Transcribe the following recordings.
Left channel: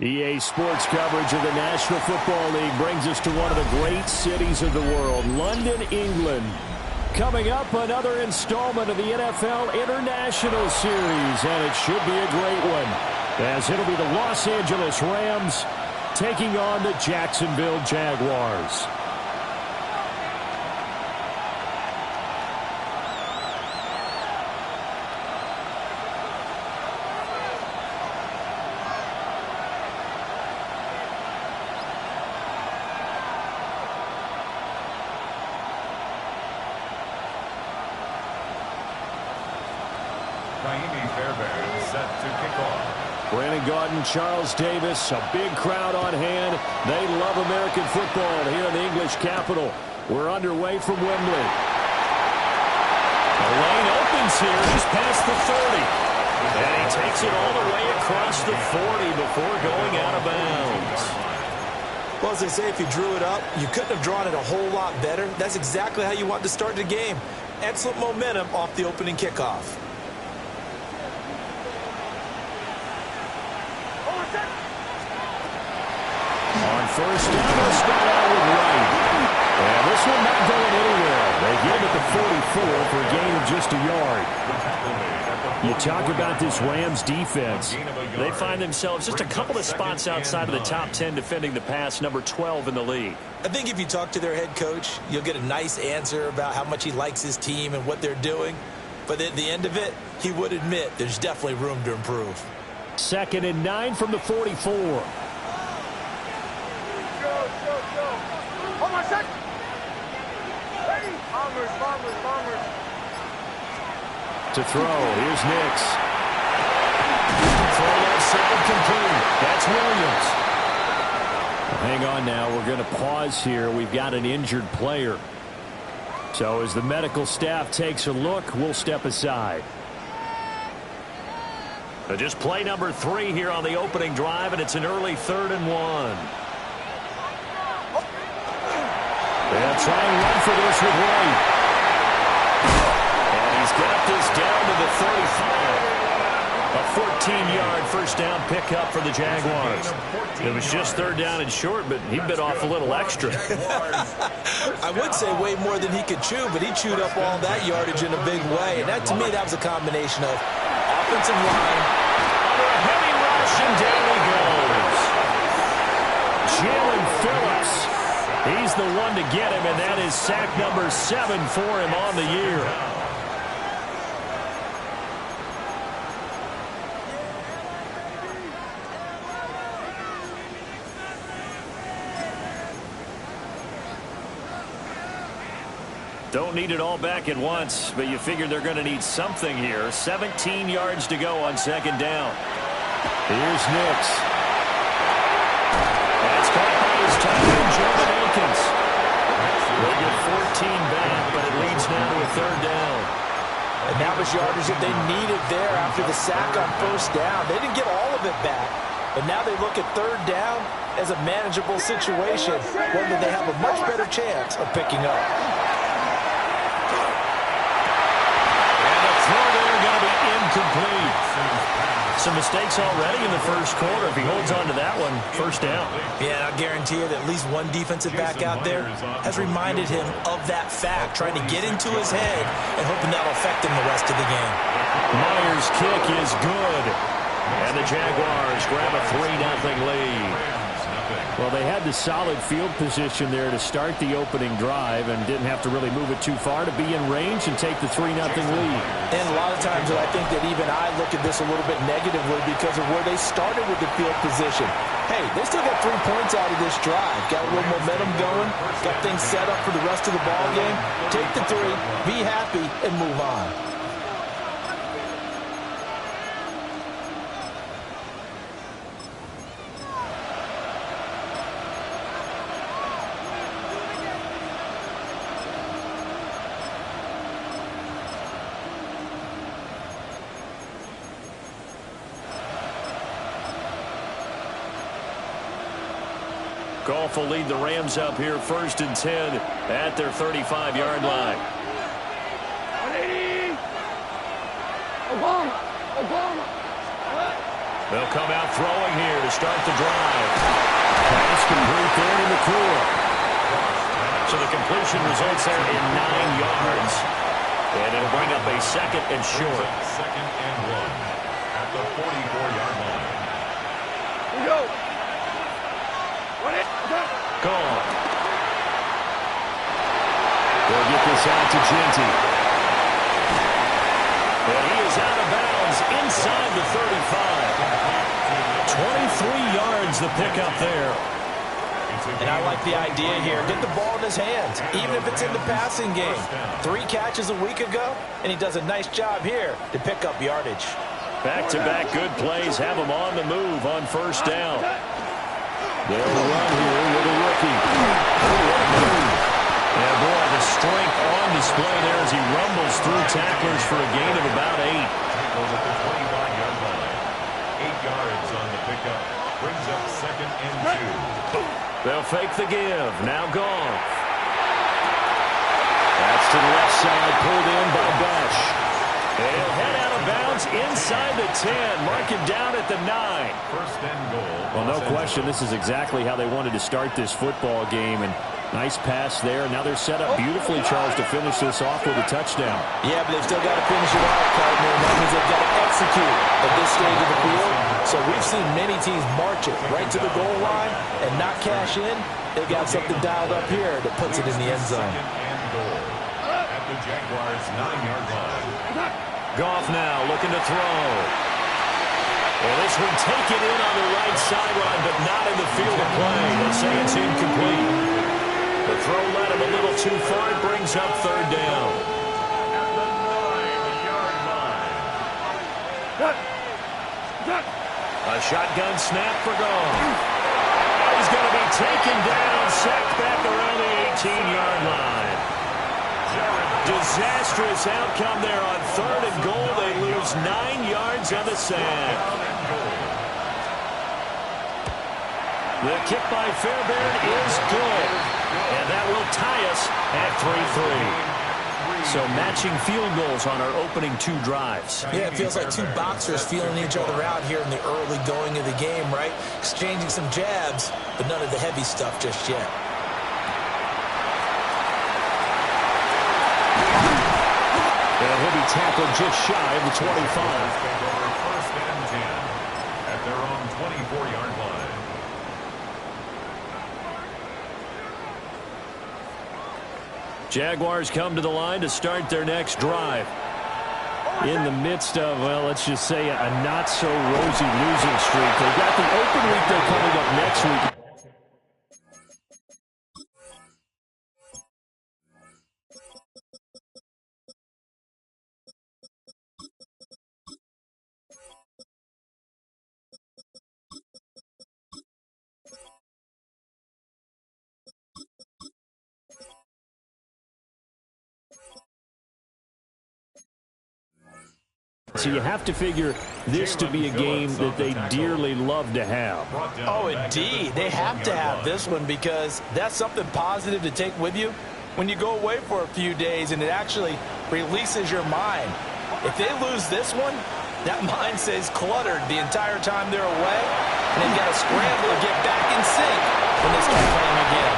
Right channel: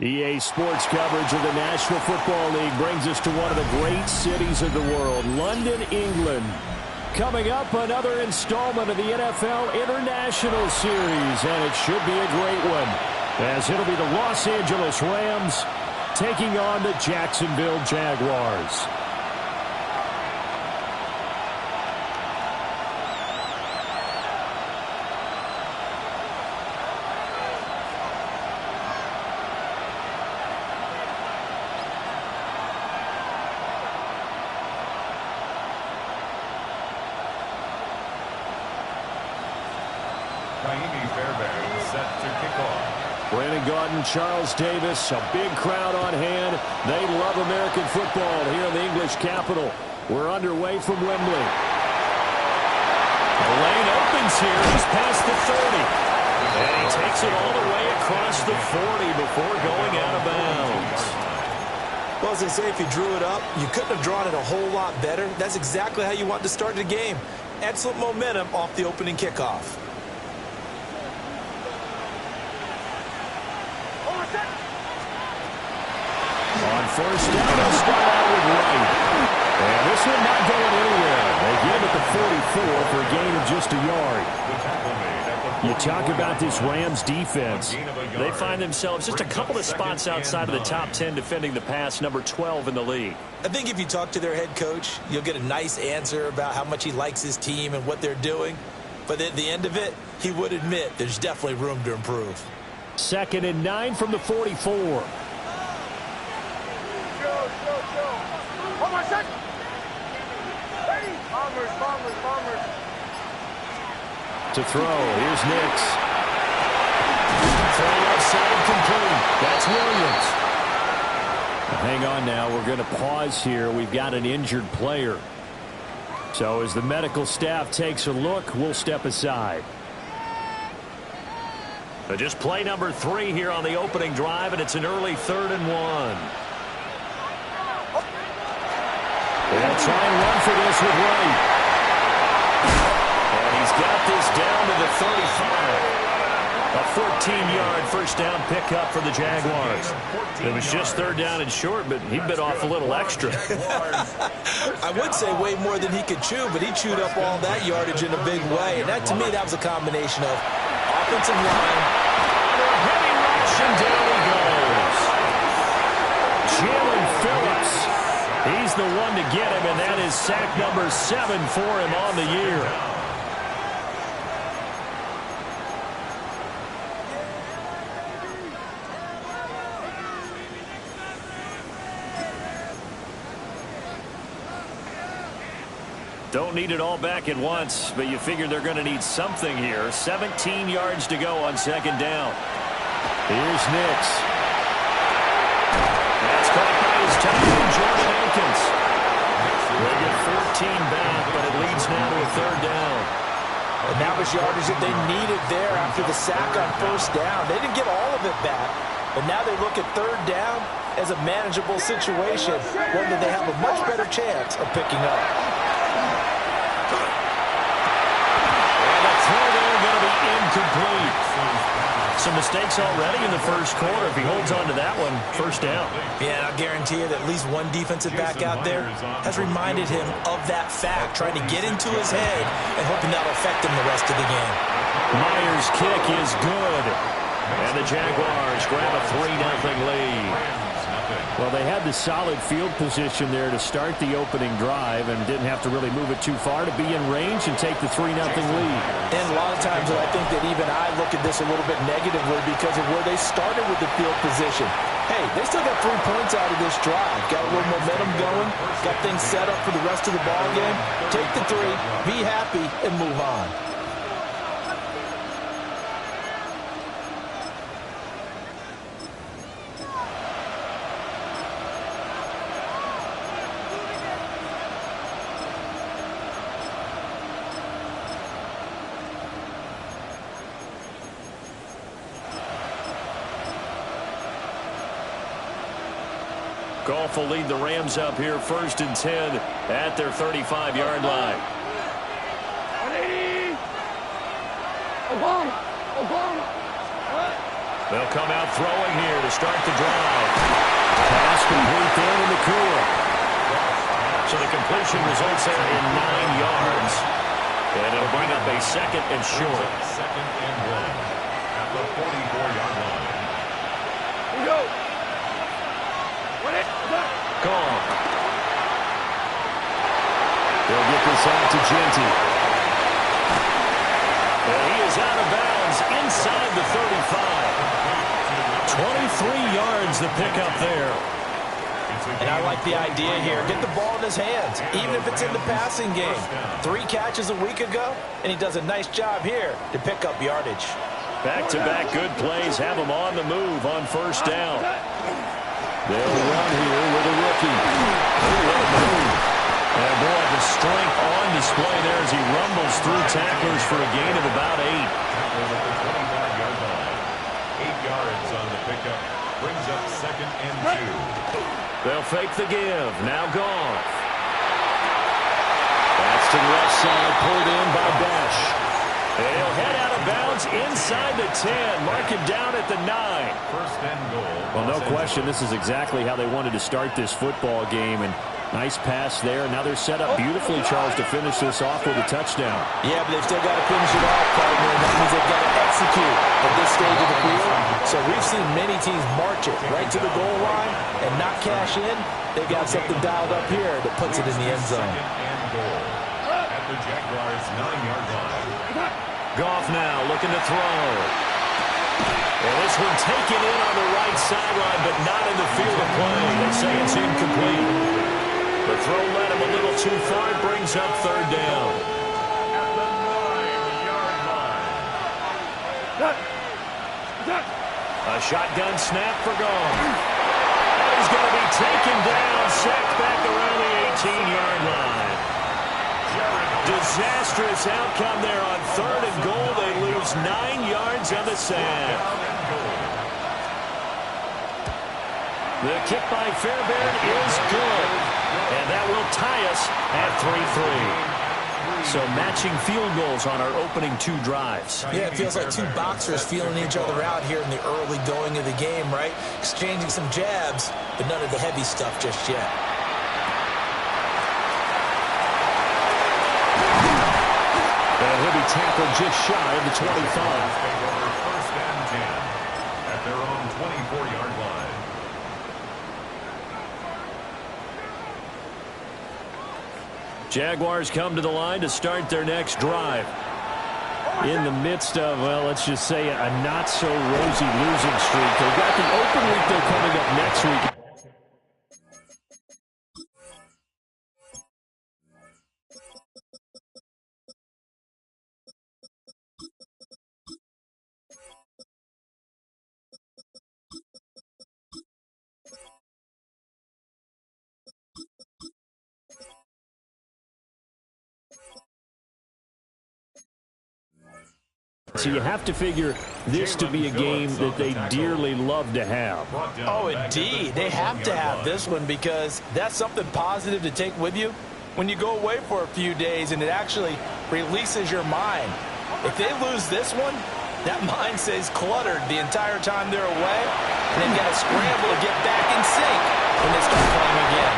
EA Sports coverage of the National Football League brings us to one of the great cities of the world, London, England. Coming up, another installment of the NFL International Series, and it should be a great one, as it'll be the Los Angeles Rams taking on the Jacksonville Jaguars. Fairbairn set to kick off. Brandon Gaudin, Charles Davis, a big crowd on hand. They love American football here in the English capital. We're underway from Wembley. The lane opens here just past the 30. And he takes it all the way across the 40 before going out of bounds. Well, as they say, if you drew it up, you couldn't have drawn it a whole lot better. That's exactly how you want to start the game. Excellent momentum off the opening kickoff. On first down, they'll start out with Wright. And this one not going anywhere. They get him at the 44 for a gain of just a yard. You talk about this Rams defense. They find themselves just a couple of spots outside of the top 10 defending the pass, number 12 in the league. I think if you talk to their head coach, you'll get a nice answer about how much he likes his team and what they're doing. But at the end of it, he would admit there's definitely room to improve. 2nd and 9 from the 44. Hold on a second. Ready? Bombers. To throw, here's Nix. Throw left side complete. That's Williams. Hang on now, we're going to pause here. We've got an injured player. So as the medical staff takes a look, we'll step aside. Just play number 3 here on the opening drive, and it's an early 3rd and 1. They'll try and run for this with Wright. And he's got this down to the 35. A 14-yard first down pickup for the Jaguars. It was just 3rd down and short, but he bit off a little extra. I would say way more than he could chew, but he chewed up all that yardage in a big way. And that, to me, that was a combination of offensive line. Under a heavy rush, and down he goes. Jalen Phillips. He's the one to get him, and that is sack number 7 for him on the year. Don't need it all back at once, but you figure they're going to need something here. 17 yards to go on 2nd down. Here's Nix. That's caught by his tight end, Jordan Akins. They get 14 back, but it leads now to a 3rd down. And that was yardage that they needed there after the sack on 1st down. They didn't get all of it back, but now they look at 3rd down as a manageable situation, one that they have a much better chance of picking up. And the throw there going to be incomplete. Some mistakes already in the first quarter. If he holds on to that one, 1st down. Yeah, I guarantee you that at least one defensive back out there has reminded him of that fact, trying to get into his head and hoping that'll affect him the rest of the game. Myers' kick is good. And the Jaguars grab a 3-0 lead. Well, they had the solid field position there to start the opening drive and didn't have to really move it too far to be in range and take the 3-0 lead. And a lot of times I think that even I look at this a little bit negatively because of where they started with the field position. Hey, they still got 3 points out of this drive. Got a little momentum going. Got things set up for the rest of the ball game. Take the 3, be happy, and move on. Goff will lead the Rams up here 1st and 10 at their 35-yard line. 180. Obama. They'll come out throwing here to start the drive. Pass complete there to Nacua. So the completion results there in 9 yards. And it'll bring up a second and short. Second and 1 at the 44-yard line. Here we go. Gone. They'll get this out to Genty. And he is out of bounds inside the 35. 23 yards the pickup there. And I like the idea here. Get the ball in his hands, even if it's in the passing game. 3 catches a week ago, and he does a nice job here to pick up yardage. Back-to-back good plays have him on the move on first down. They'll run here with a rookie. What a move. And boy, the strength on display there as he rumbles through tacklers for a gain of about 8. Tackled at the 25-yard line. 8 yards on the pickup. Brings up second and 2. They'll fake the give. Now Goff. That's to the left side, pulled in by Bash. He'll head out of bounds inside the 10. Mark him down at the 9. First and goal. Well, no question, this is exactly how they wanted to start this football game. And nice pass there. Now they're set up beautifully, Charles, to finish this off with a touchdown. Yeah, but they've still got to finish it off, partner. And that means they've got to execute at this stage of the field. So we've seen many teams march it right to the goal line and not cash in. They've got something dialed up here that puts it in the end zone. Second and goal at the Jaguars' 9-yard line. Goff now looking to throw. And this one taken in on the right sideline, but not in the field of play. They say it's incomplete. The throw led him a little too far. It brings up third down. At the 9-yard line. A shotgun snap for Goff. And he's going to be taken down, sacked back around the 18-yard line. Disastrous outcome there on third and goal. They lose 9 yards on the sack. The kick by Fairbairn is good. And that will tie us at 3-3. So matching field goals on our opening 2 drives. Yeah, it feels like 2 boxers feeling each other out here in the early going of the game, right? Exchanging some jabs, but none of the heavy stuff just yet. And he'll be tackled just shy of the 25. First and 10 at their own 24-yard line. Jaguars come to the line to start their next drive. In the midst of, well, let's just say a not-so-rosy losing streak. They've got the open week, though, coming up next week. So you have to figure this to be a game that they dearly love to have. Oh, indeed. They have to have this one because that's something positive to take with you when you go away for a few days, and it actually releases your mind. If they lose this one, that mind stays cluttered the entire time they're away, and they've got to scramble to get back in sync when they start playing again.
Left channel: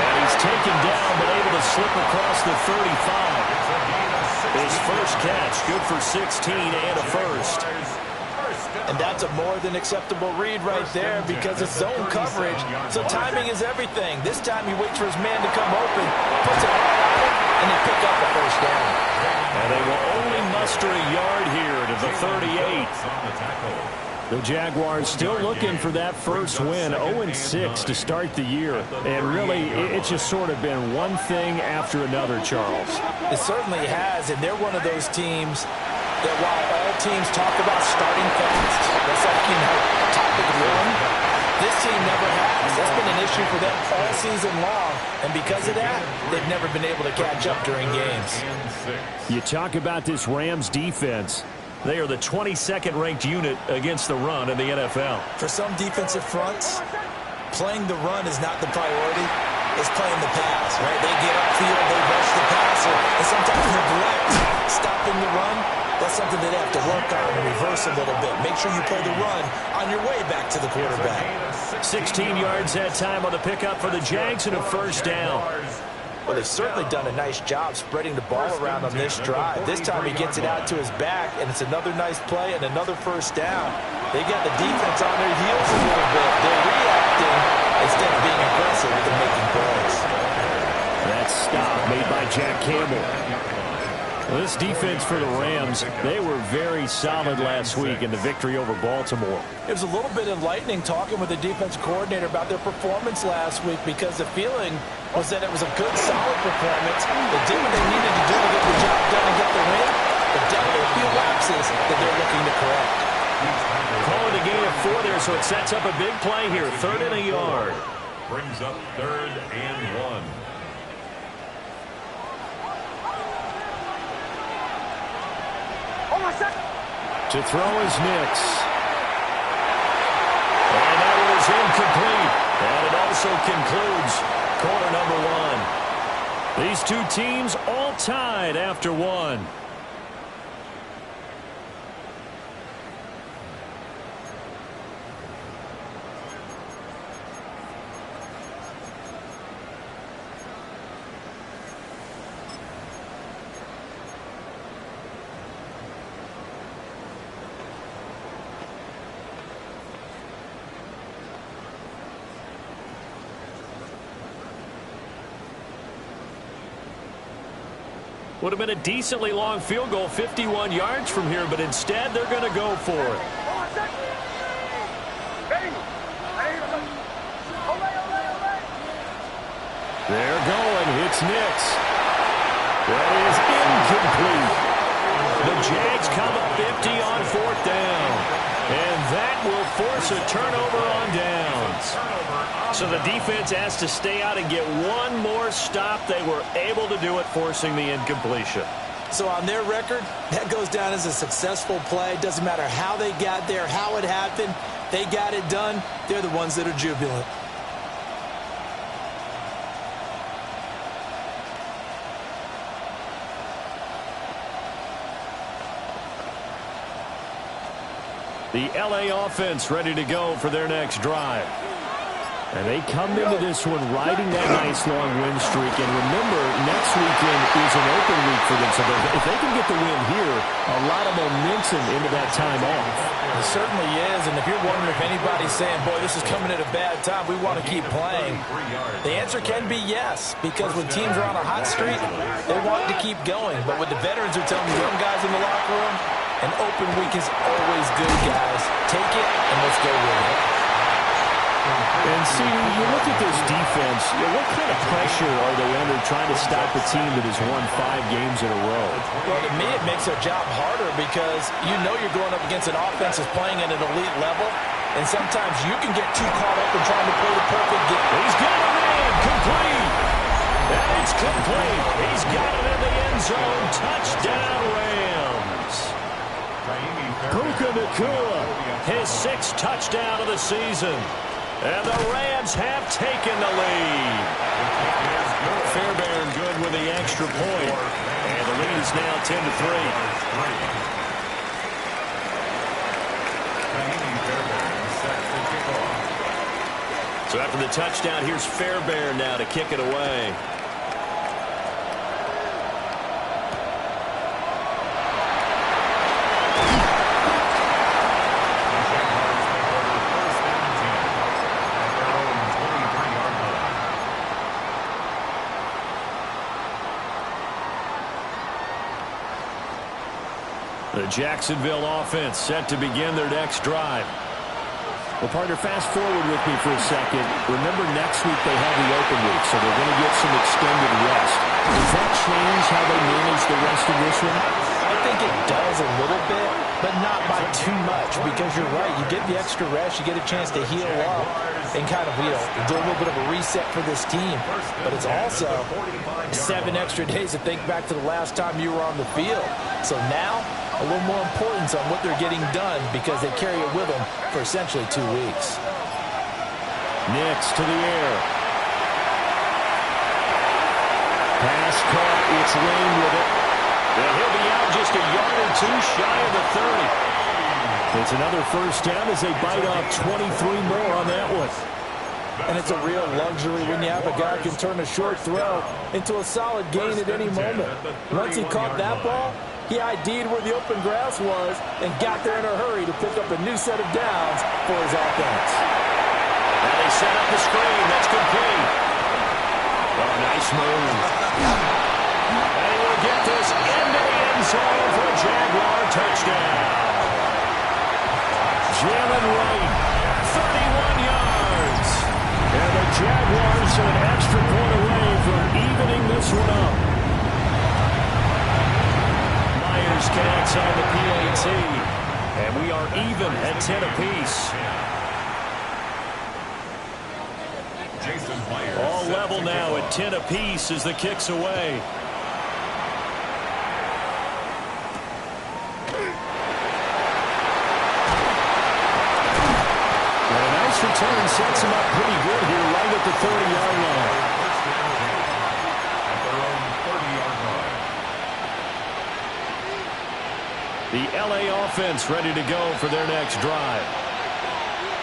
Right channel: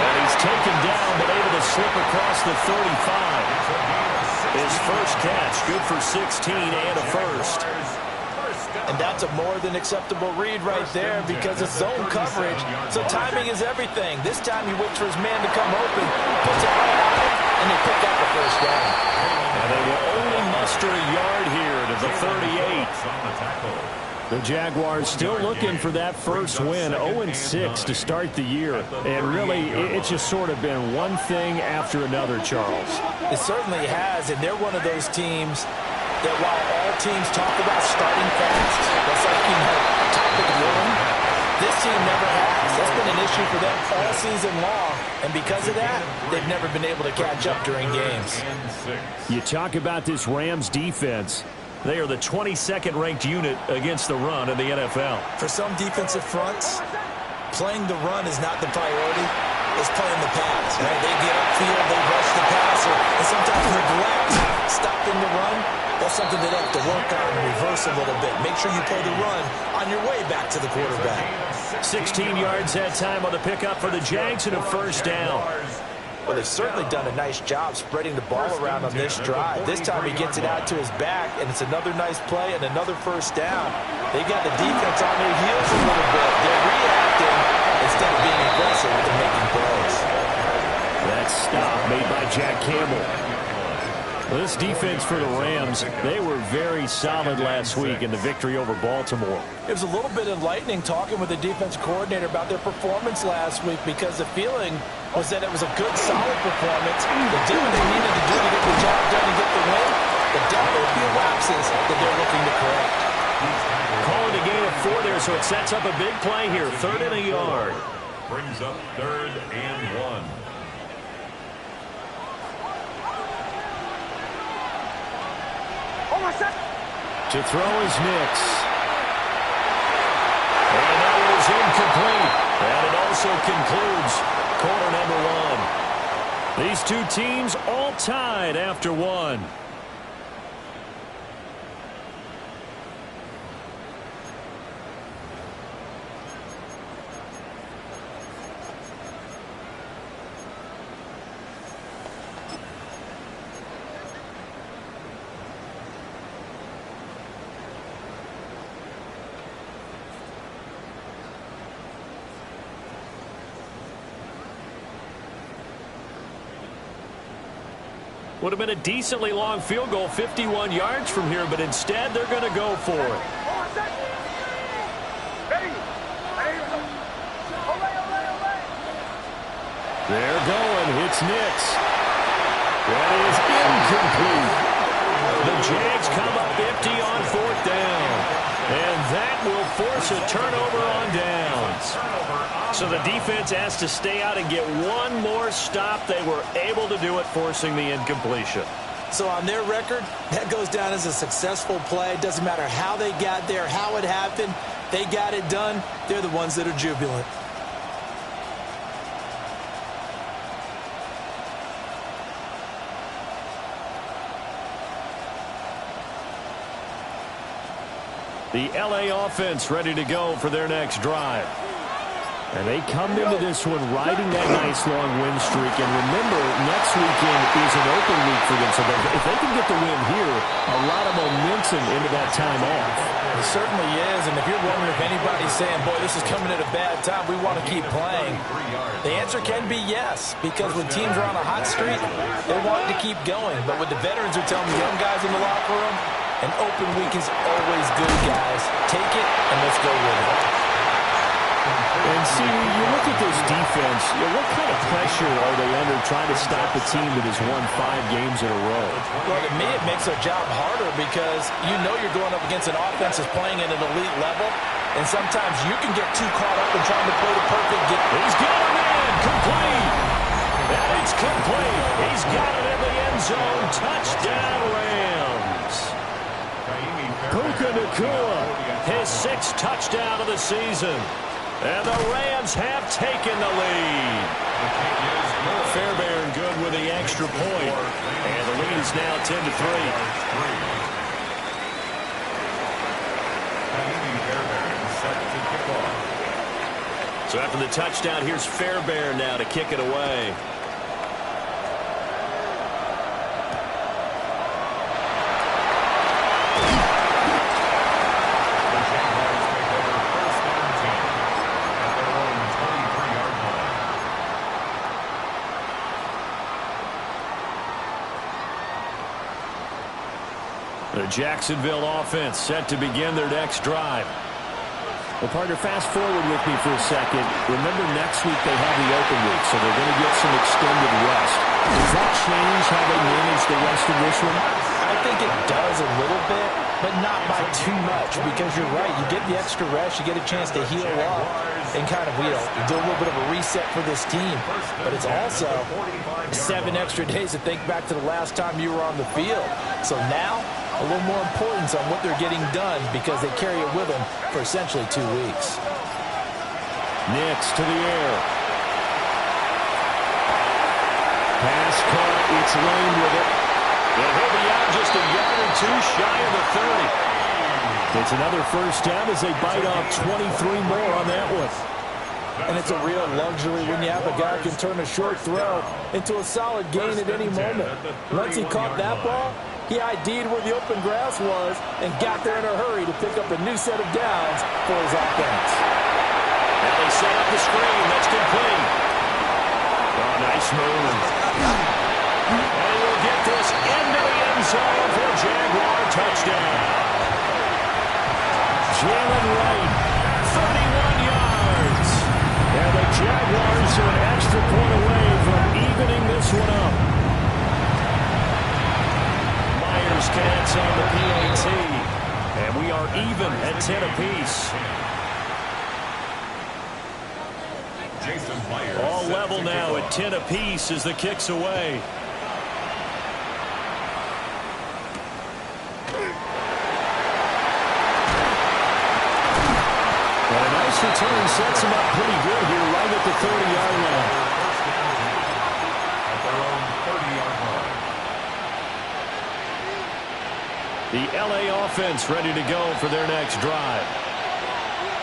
And he's taken down but able to slip across the 35. His first catch, good for 16 and a first. And that's a more than acceptable read right there because it's zone coverage, so timing is everything. This time he waits for his man to come open, puts it right on him, and they pick up the first down. And they will only muster a yard here to the 38. The Jaguars still looking for that first win, 0-6 to start the year. And really, it's just sort of been one thing after another, Charles. It certainly has, and they're one of those teams that while all teams talk about starting fast, that's like, topic one, this team never has. That's been an issue for them all season long, and because of that, they've never been able to catch up during games. You talk about this Rams defense. They are the 22nd ranked unit against the run in the NFL. For some defensive fronts, playing the run is not the priority. It's playing the pass, right? They get upfield, they rush the passer, and sometimes neglect stopping the run. That's something they'd have to work on and reverse a little bit. Make sure you play the run on your way back to the quarterback. 16 yards that time on the pickup for the Jags and a first down. Well, they've certainly done a nice job spreading the ball around on this drive. This time he gets it out to his back, and it's another nice play and another first down. They got the defense on their heels a little bit. They're reacting instead of being aggressive and making plays. That stop made by Jack Campbell. This defense for the Rams, they were very solid last week in the victory over Baltimore. It was a little bit enlightening talking with the defense coordinator about their performance last week because the feeling was that it was a good, solid performance. They did what they needed to do to get the job done and get the win, but definitely a few lapses that they're looking to correct. Calling a gain of 4 there, so it sets up a big play here. 3rd and a yard. Brings up 3rd and 1. To throw is Nix. And that one is incomplete. And it also concludes quarter number 1. These two teams all tied after 1. Would have been a decently long field goal, 51 yards from here, but instead they're going to go for it. They're going. It's Nix. That is incomplete. The Jags come up empty on 4th down. And that will force a turnover on downs. So the defense has to stay out and get one more stop. They were able to do it, forcing the incompletion. So on their record, that goes down as a successful play. Doesn't matter how they got there, how it happened. They got it done. They're the ones that are jubilant. The LA offense ready to go for their next drive. And they come into this one riding that nice long win streak. And remember, next weekend is an open week for them. So if they can get the win here, a lot of momentum into that time off. It certainly is. And if you're wondering if anybody's saying, boy, this is coming at a bad time, we want to keep playing, the answer can be yes. Because when teams are on a hot streak, they want to keep going. But what the veterans are telling the young guys in the locker room, an open week is always good, guys. Take it and let's go with it. And see, you look at this defense, what kind of pressure are they under trying to stop a team that has won 5 games in a row? Well, to me, it makes their job harder because you know you're going up against an offense that's playing at an elite level, and sometimes you can get too caught up in trying to play the perfect game. He's got a man, complete. And it's complete. He's got it in the end zone. Touchdown, Rams. Puka Nacua, his 6th touchdown of the season. And the Rams have taken the lead. Fairbairn good with the extra point. And the lead is now 10-3. So after the touchdown, here's Fairbairn now to kick it away. The Jacksonville offense set to begin their next drive. Well, partner, fast forward with me for a second. Remember, next week they have the open week, so they're going to get some extended rest. Does that change how they manage the rest of this one? I think it does a little bit, but not by too much, because you're right. You get the extra rest, you get a chance to heal up and kind of, do a little bit of a reset for this team. But it's also 7 extra days to think back to the last time you were on the field. So now, a little more importance on what they're getting done because they carry it with them for essentially 2 weeks. Nix to the air. Pass caught. It's Lane with it. And he'll be out just a yard or two shy of the 30. It's another first down as they bite off 23 more on that one. And it's a real luxury when you have a guy who can turn a short throw into a solid gain at any moment. Once he caught that ball, he ID'd where the open grass was and got there in a hurry to pick up a new set of downs for his offense. Now they set up the screen. That's complete. Oh, nice move. And he will get this into the end zone for a Jaguar touchdown. Jalen Wright, 31 yards. And the Jaguars are an extra point away from evening this one up. Myers connects on the PAT. And we are even at 10 apiece. All level now at 10 apiece as the kick's away. And a nice return sets him up pretty good here right at the 30-yard line. First down, at their own 30-yard line. The LA offense ready to go for their next drive.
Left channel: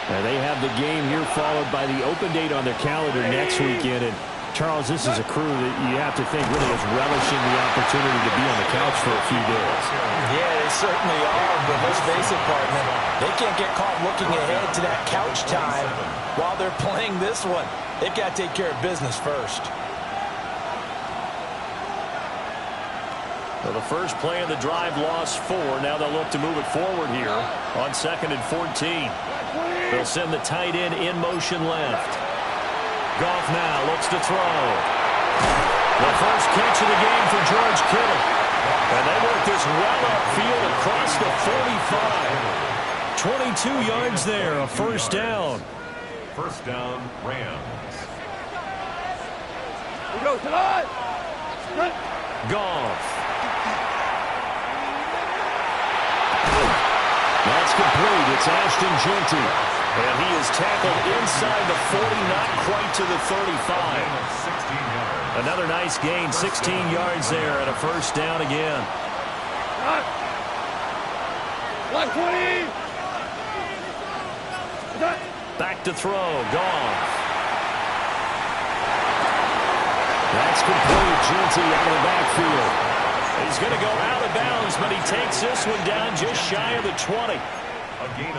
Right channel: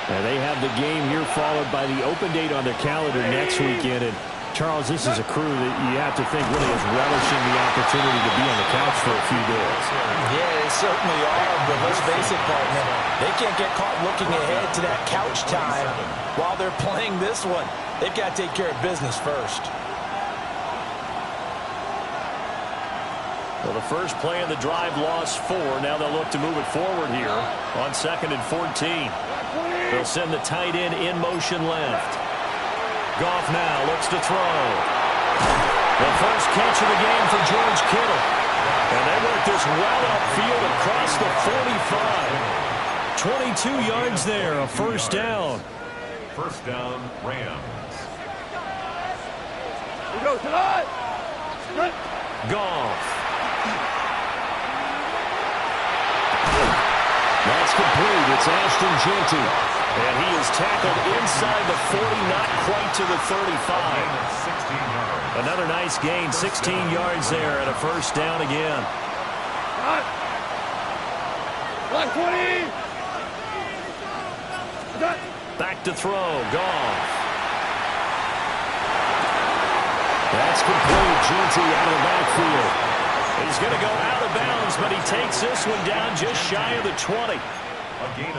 And they have the game here followed by the open date on their calendar next weekend. And Charles, this is a crew that you have to think really is relishing the opportunity to be on the couch for a few days. Yeah, they certainly are, but let's face it, partner, they can't get caught looking ahead to that couch time while they're playing this one. They've got to take care of business first. Well, the first play of the drive lost 4. Now they'll look to move it forward here on 2nd and 14. They'll send the tight end in motion left. Goff now looks to throw. The first catch of the game for George Kittle. And they work this well upfield across the 45. 22 yards there, a first down. First down, Rams. We go tonight. Goff. That's complete. It's Ashton Jeanty. And he is tackled inside the 40, not quite to the 35. 16 yards. Another nice gain, 16 yards there, and a first down again. Black 20. Back to throw, Goff. That's complete. Jeanty out of the backfield. He's going to go out of bounds, but he takes this one down just shy of the 20.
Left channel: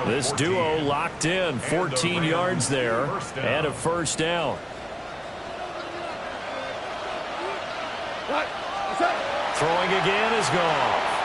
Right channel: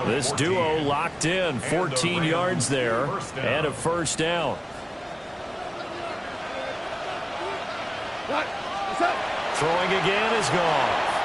This duo locked in, 14 yards there, and a first down. Throwing again is Goff.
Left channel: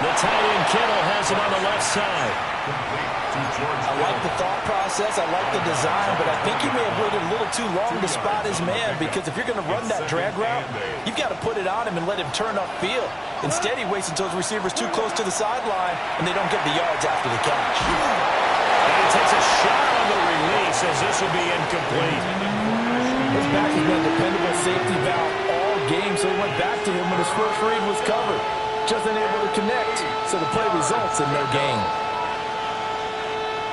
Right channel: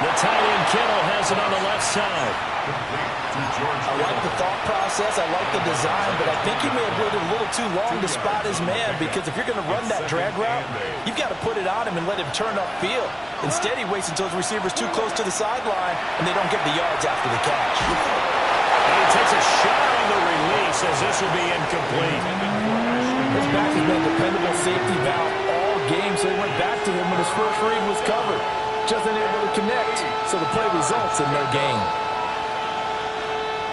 The tight end Kittle has it on the left side. I like the thought process. I like the design, but I think he may have waited a little too long to spot his man, because if you're going to run that drag route, you've got to put it on him and let him turn upfield. Instead, he waits until his receiver's too close to the sideline, and they don't get the yards after the catch. And he takes a shot on the release as this will be incomplete. His back has been a dependable safety valve all game, so he went back to him when his first read was covered. Just unable to connect, so the play results in no gain.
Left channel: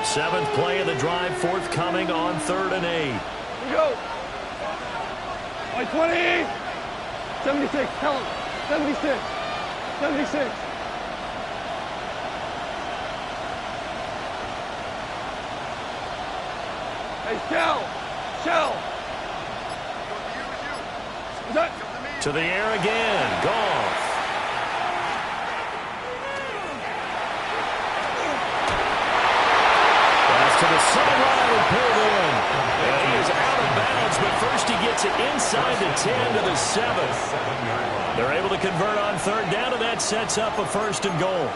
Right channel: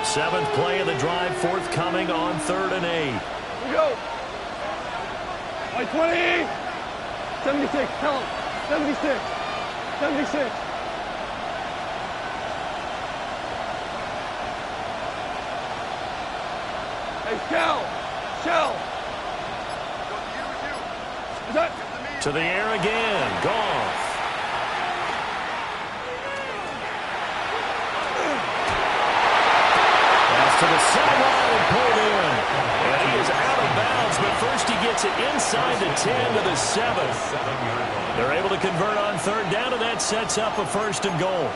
7th play of the drive, forthcoming on 3rd and 8. We go. White 20. 76. Tell him. 76. 76. Hey, Shell. To the air again, Goff. To the sideline and pulled in. And he is out of bounds, but first he gets it inside the 10 to the 7. They're able to convert on 3rd down, and that sets up a 1st and goal.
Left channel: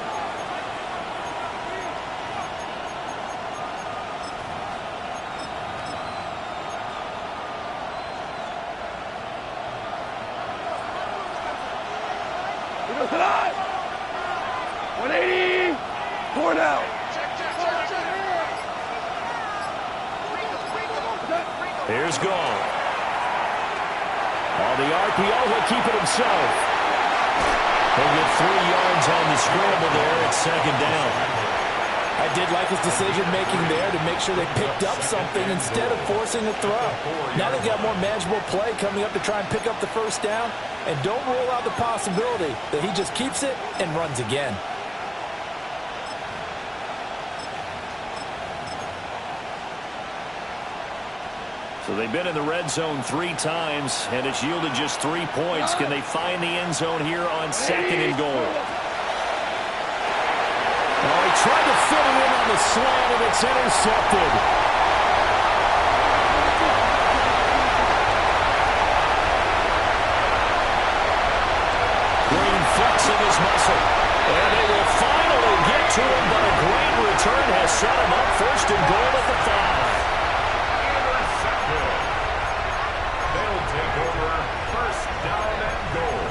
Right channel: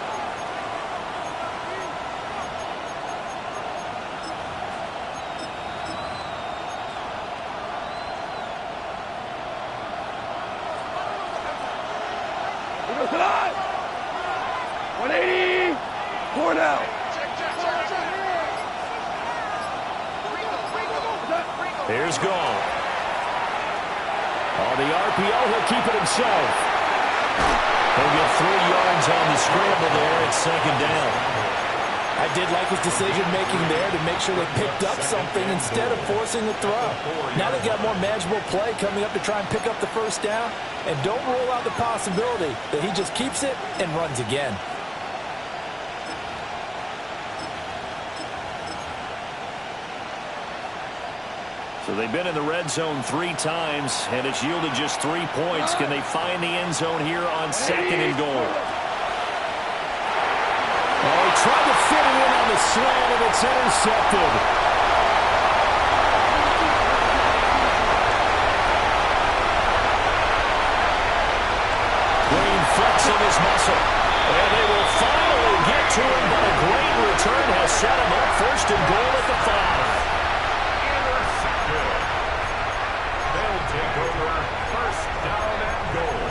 We go tonight. 180. 4 down. Here's Goff. On the RPO, he'll keep it himself. He'll get 3 yards on the scramble there at 2nd down. I did like his decision-making there to make sure they picked up something instead of forcing a throw. Now they've got more manageable play coming up to try and pick up the first down, and don't rule out the possibility that he just keeps it and runs again. So they've been in the red zone 3 times, and it's yielded just 3 points. Can they find the end zone here on 2nd and goal? Oh, he tried to fit it in on the slant, and it's intercepted. Green flexing his muscle. And they will finally get to him, but a great return has set him up 1st and goal at the 5. They'll take over 1st down and goal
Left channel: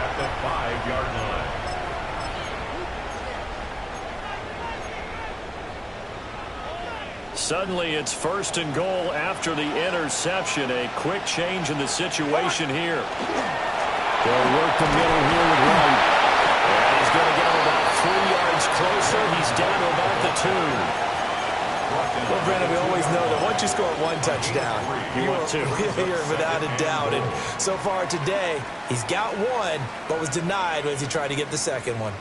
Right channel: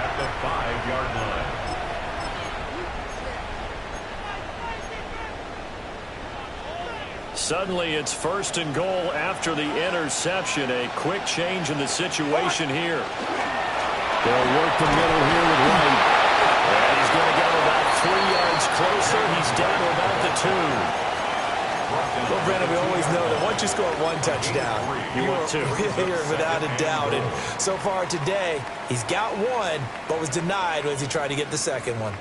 at the 5-yard line. Suddenly it's 1st and goal after the interception. A quick change in the situation here. They'll work the middle here with Wright. And he's going to get about 3 yards closer. He's down to about the 2. Well, Brandon, we always know that once you score 1 touchdown, you want 2. Here without a doubt. And so far today, he's got 1, but was denied as he tried to get the 2nd one.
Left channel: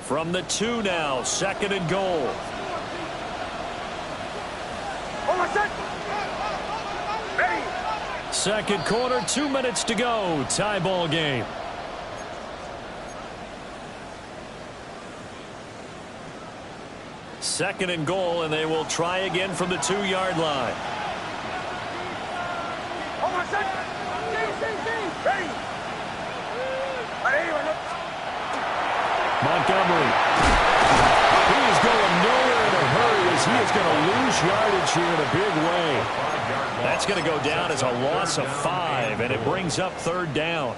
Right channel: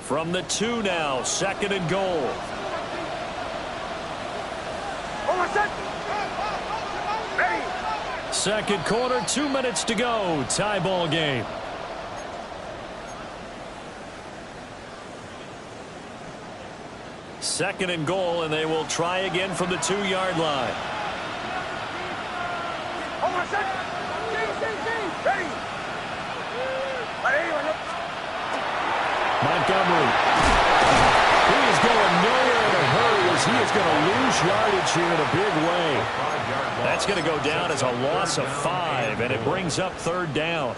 From the 2 now, 2nd and goal. Second quarter, 2 minutes to go. Tie ball game. Second and goal, and they will try again from the 2-yard line. Montgomery. He is going nowhere in a hurry as he is going to lose yardage here in a big way. That's going to go down as a loss of 5, and it brings up 3rd down.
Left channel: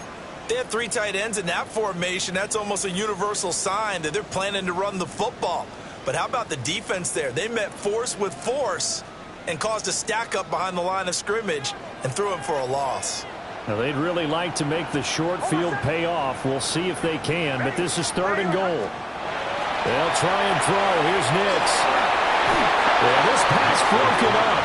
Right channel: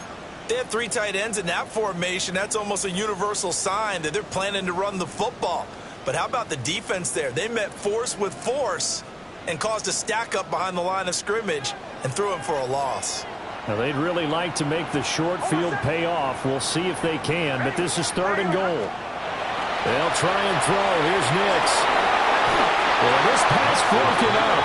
They have 3 tight ends in that formation. That's almost a universal sign that they're planning to run the football. But how about the defense there? They met force with force and caused a stack up behind the line of scrimmage and threw him for a loss. Now, they'd really like to make the short field pay off. We'll see if they can, but this is 3rd and goal. They'll try and throw. Here's Nix. And this pass broken up.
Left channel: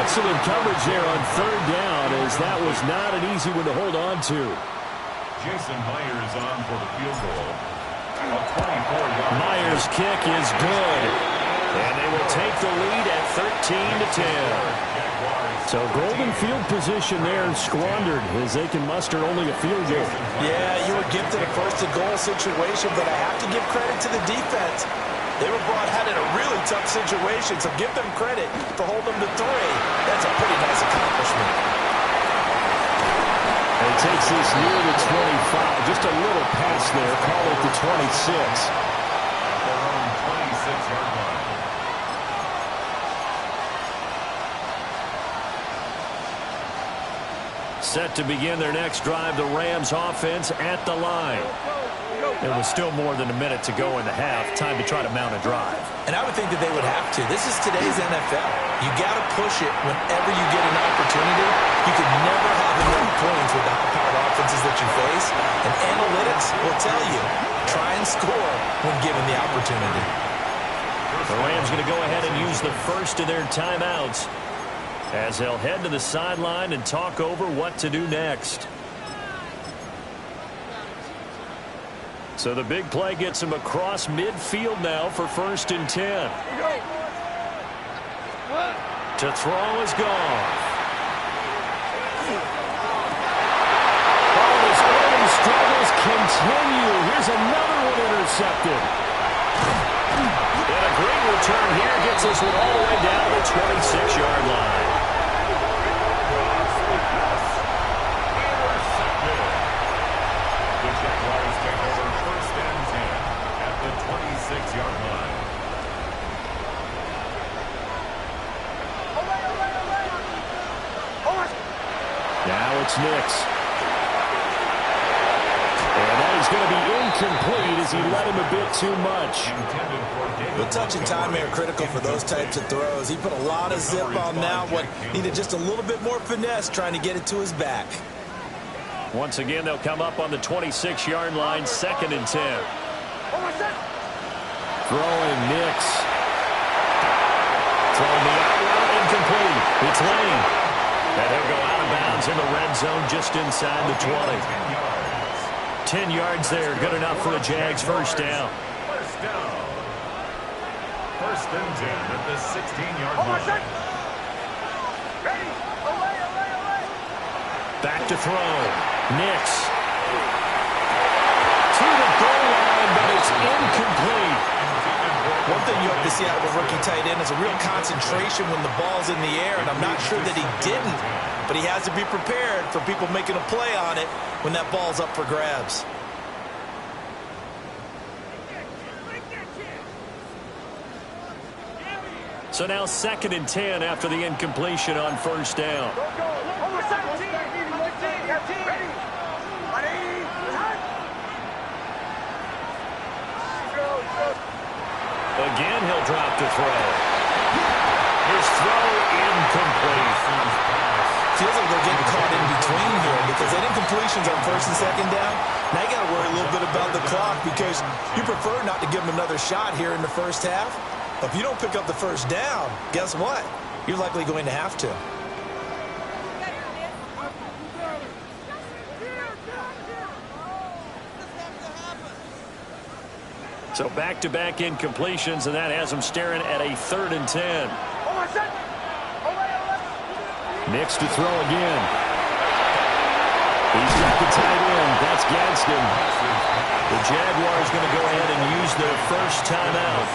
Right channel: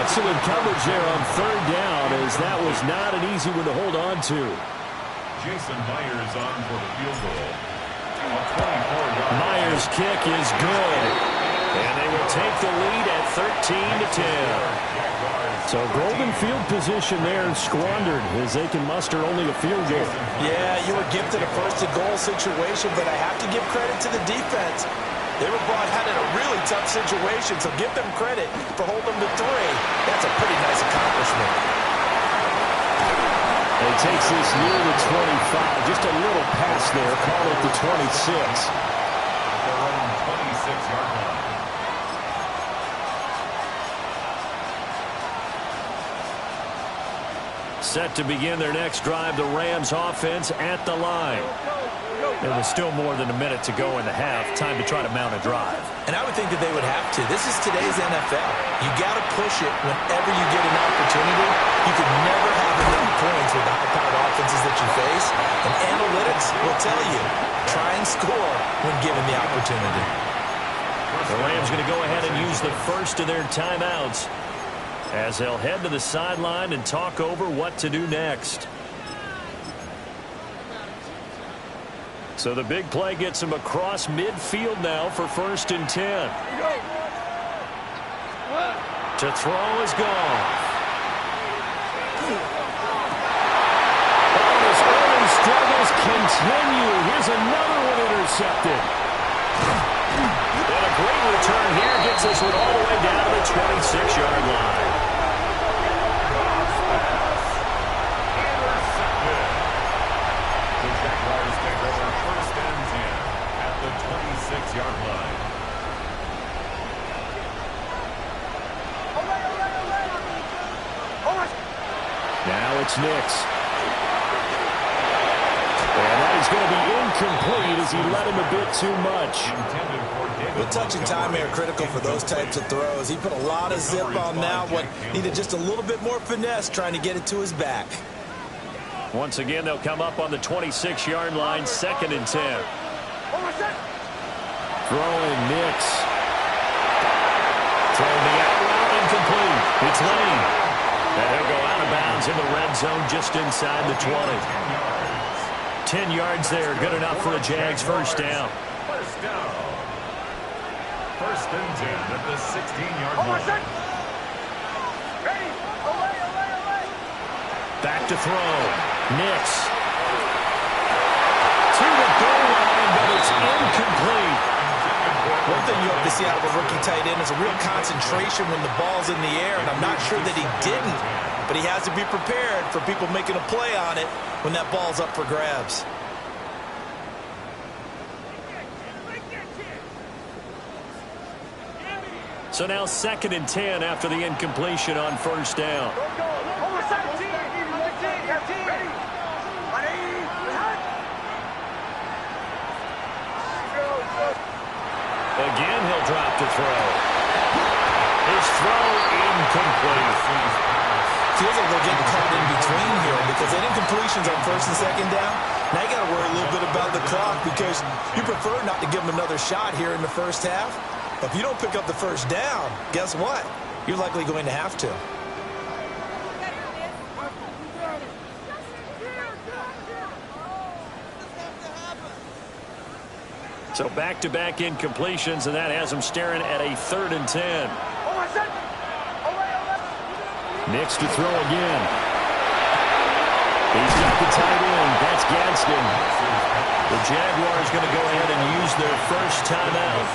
Excellent coverage there on 3rd down, as that was not an easy one to hold on to. Jason Myers on for the field goal. Myers' kick is good, and they will take the lead at 13-10. So golden field position there squandered as they can muster only a field goal. Yeah, you were gifted a 1st and goal situation, but I have to give credit to the defense. They were brought out in a really tough situation, so give them credit for holding them to 3. That's a pretty nice accomplishment. And he takes this near the 25. Just a little pass there. Call it the 26. At their own 26-yard line. Set to begin their next drive, the Rams offense at the line. There was still more than a minute to go in the half. Time to try to mount a drive. And I would think that they would have to. This is today's NFL. You got to push it whenever you get an opportunity. You can never have enough points with the high-powered offenses that you face. And analytics will tell you, try and score when given the opportunity. The Rams going to go ahead and use the first of their timeouts as they'll head to the sideline and talk over what to do next. So the big play gets him across midfield now for 1st and 10. To throw is Goff. Oh, his early struggles continue. Here's another one intercepted. And a great return here gets this one all the way down to the 26-yard line. The Jaguars take over 1st and 10 at the 26-yard line. Now it's Nix. And that is going to be incomplete as he led him a bit too much. The touch and timing are critical for those types of throws. He put a lot of zip on that one. Needed just a little bit more finesse trying to get it to his back. Once again, they'll come up on the 26-yard line, 2nd and 10. Throwing Nix. Throwing the out route, incomplete. It's Lane. And he'll go out of bounds in the red zone just inside the 20. 10 yards there, good enough for a Jags first down. First down. 1st and 10 at the 16-yard line. Back to throw. Nix. To the goal line, but it's incomplete. One thing you hope to see out of a rookie tight end is a real concentration when the ball's in the air, and I'm not sure that he didn't, but he has to be prepared for people making a play on it when that ball's up for grabs. So now 2nd and 10 after the incompletion on first down. Again, he'll drop to throw. His throw incomplete. Feels like they're getting caught in between here because that incompletion's on 1st and 2nd down. Now you got to worry a little bit about the clock because you prefer not to give them another shot here in the first half. But if you don't pick up the first down, guess what? You're likely going to have to. So back-to-back incompletions, and that has him staring at a 3rd and 10. Nix to throw again. He's got the tight end. That's Gadsden. The Jaguars going to go ahead and use their first timeout,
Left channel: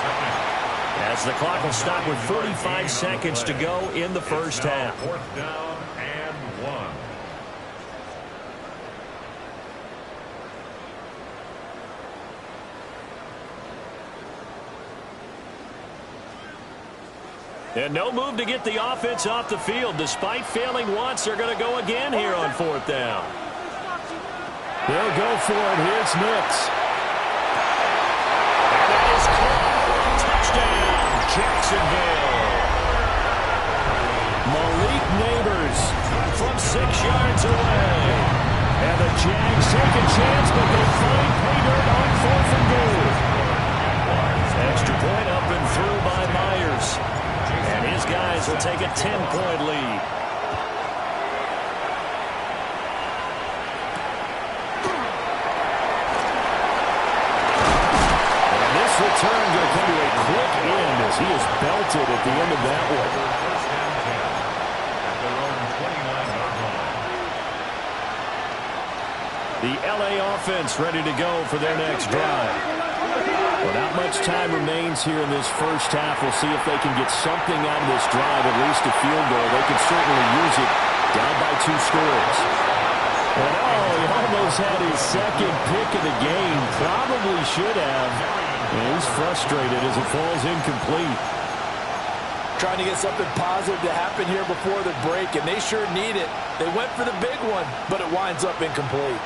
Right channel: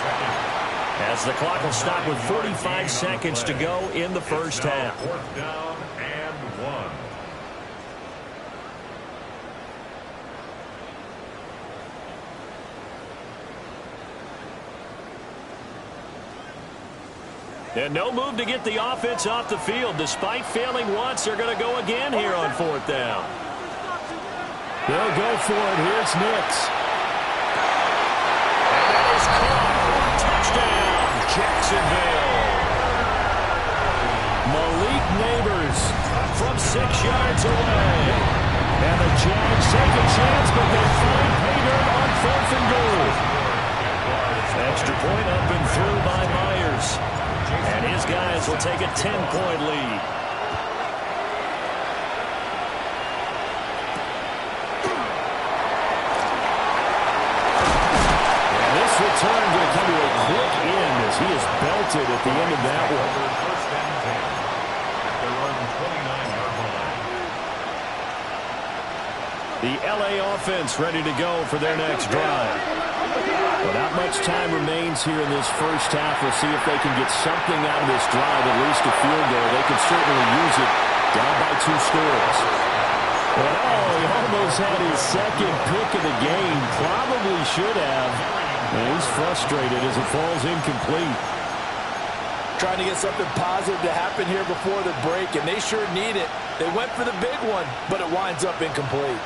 as the clock will stop with 45 seconds to go in the first half. 4th down and 1. And no move to get the offense off the field. Despite failing once, they're going to go again here on 4th down. They'll go for it. Here's Nix. And that is caught. Touchdown, Jacksonville. Malik Neighbors From 6 yards away. And the Jags take a chance, but they find pay dirt on 4th and goal. Extra point up and through by Myers. And his guys will take a 10-point lead. And this return going to come to a quick end as he is belted at the end of that one. 1st and 10 at their own 29-yard line. The LA offense ready to go for their next drive. Well, not much time remains here in this first half. We'll see if they can get something out of this drive, at least a field goal. They can certainly use it down by 2 scores. And he almost had his 2nd pick of the game. Probably should have. And he's frustrated as it falls incomplete. Trying to get something positive to happen here before the break, and they sure need it. They went for the big one, but it winds up incomplete.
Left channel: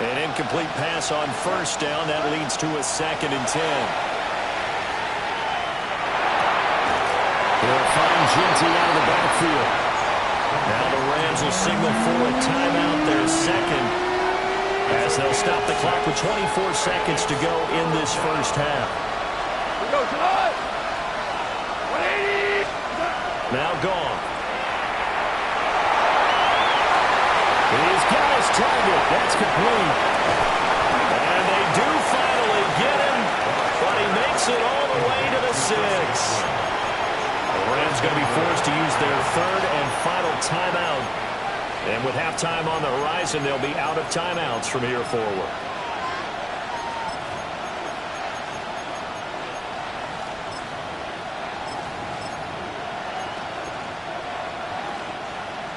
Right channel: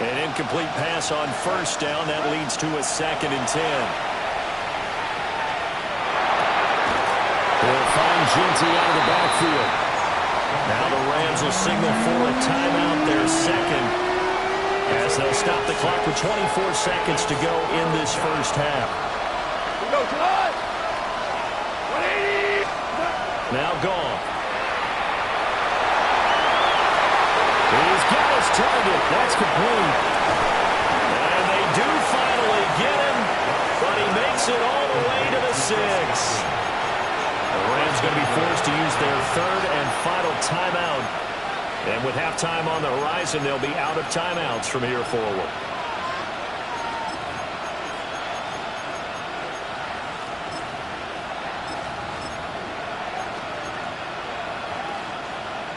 An incomplete pass on first down. That leads to a 2nd and 10. They'll find Ginty out of the backfield. Now the Rams will signal for a timeout, their 2nd, as they'll stop the clock with 24 seconds to go in this first half. Go tonight. 180. Now gone. He's got his target. That's complete. And they do finally get him, but he makes it all the way to the 6. The Rams going to be forced to use their 3rd and final timeout. And with halftime on the horizon, they'll be out of timeouts from here forward.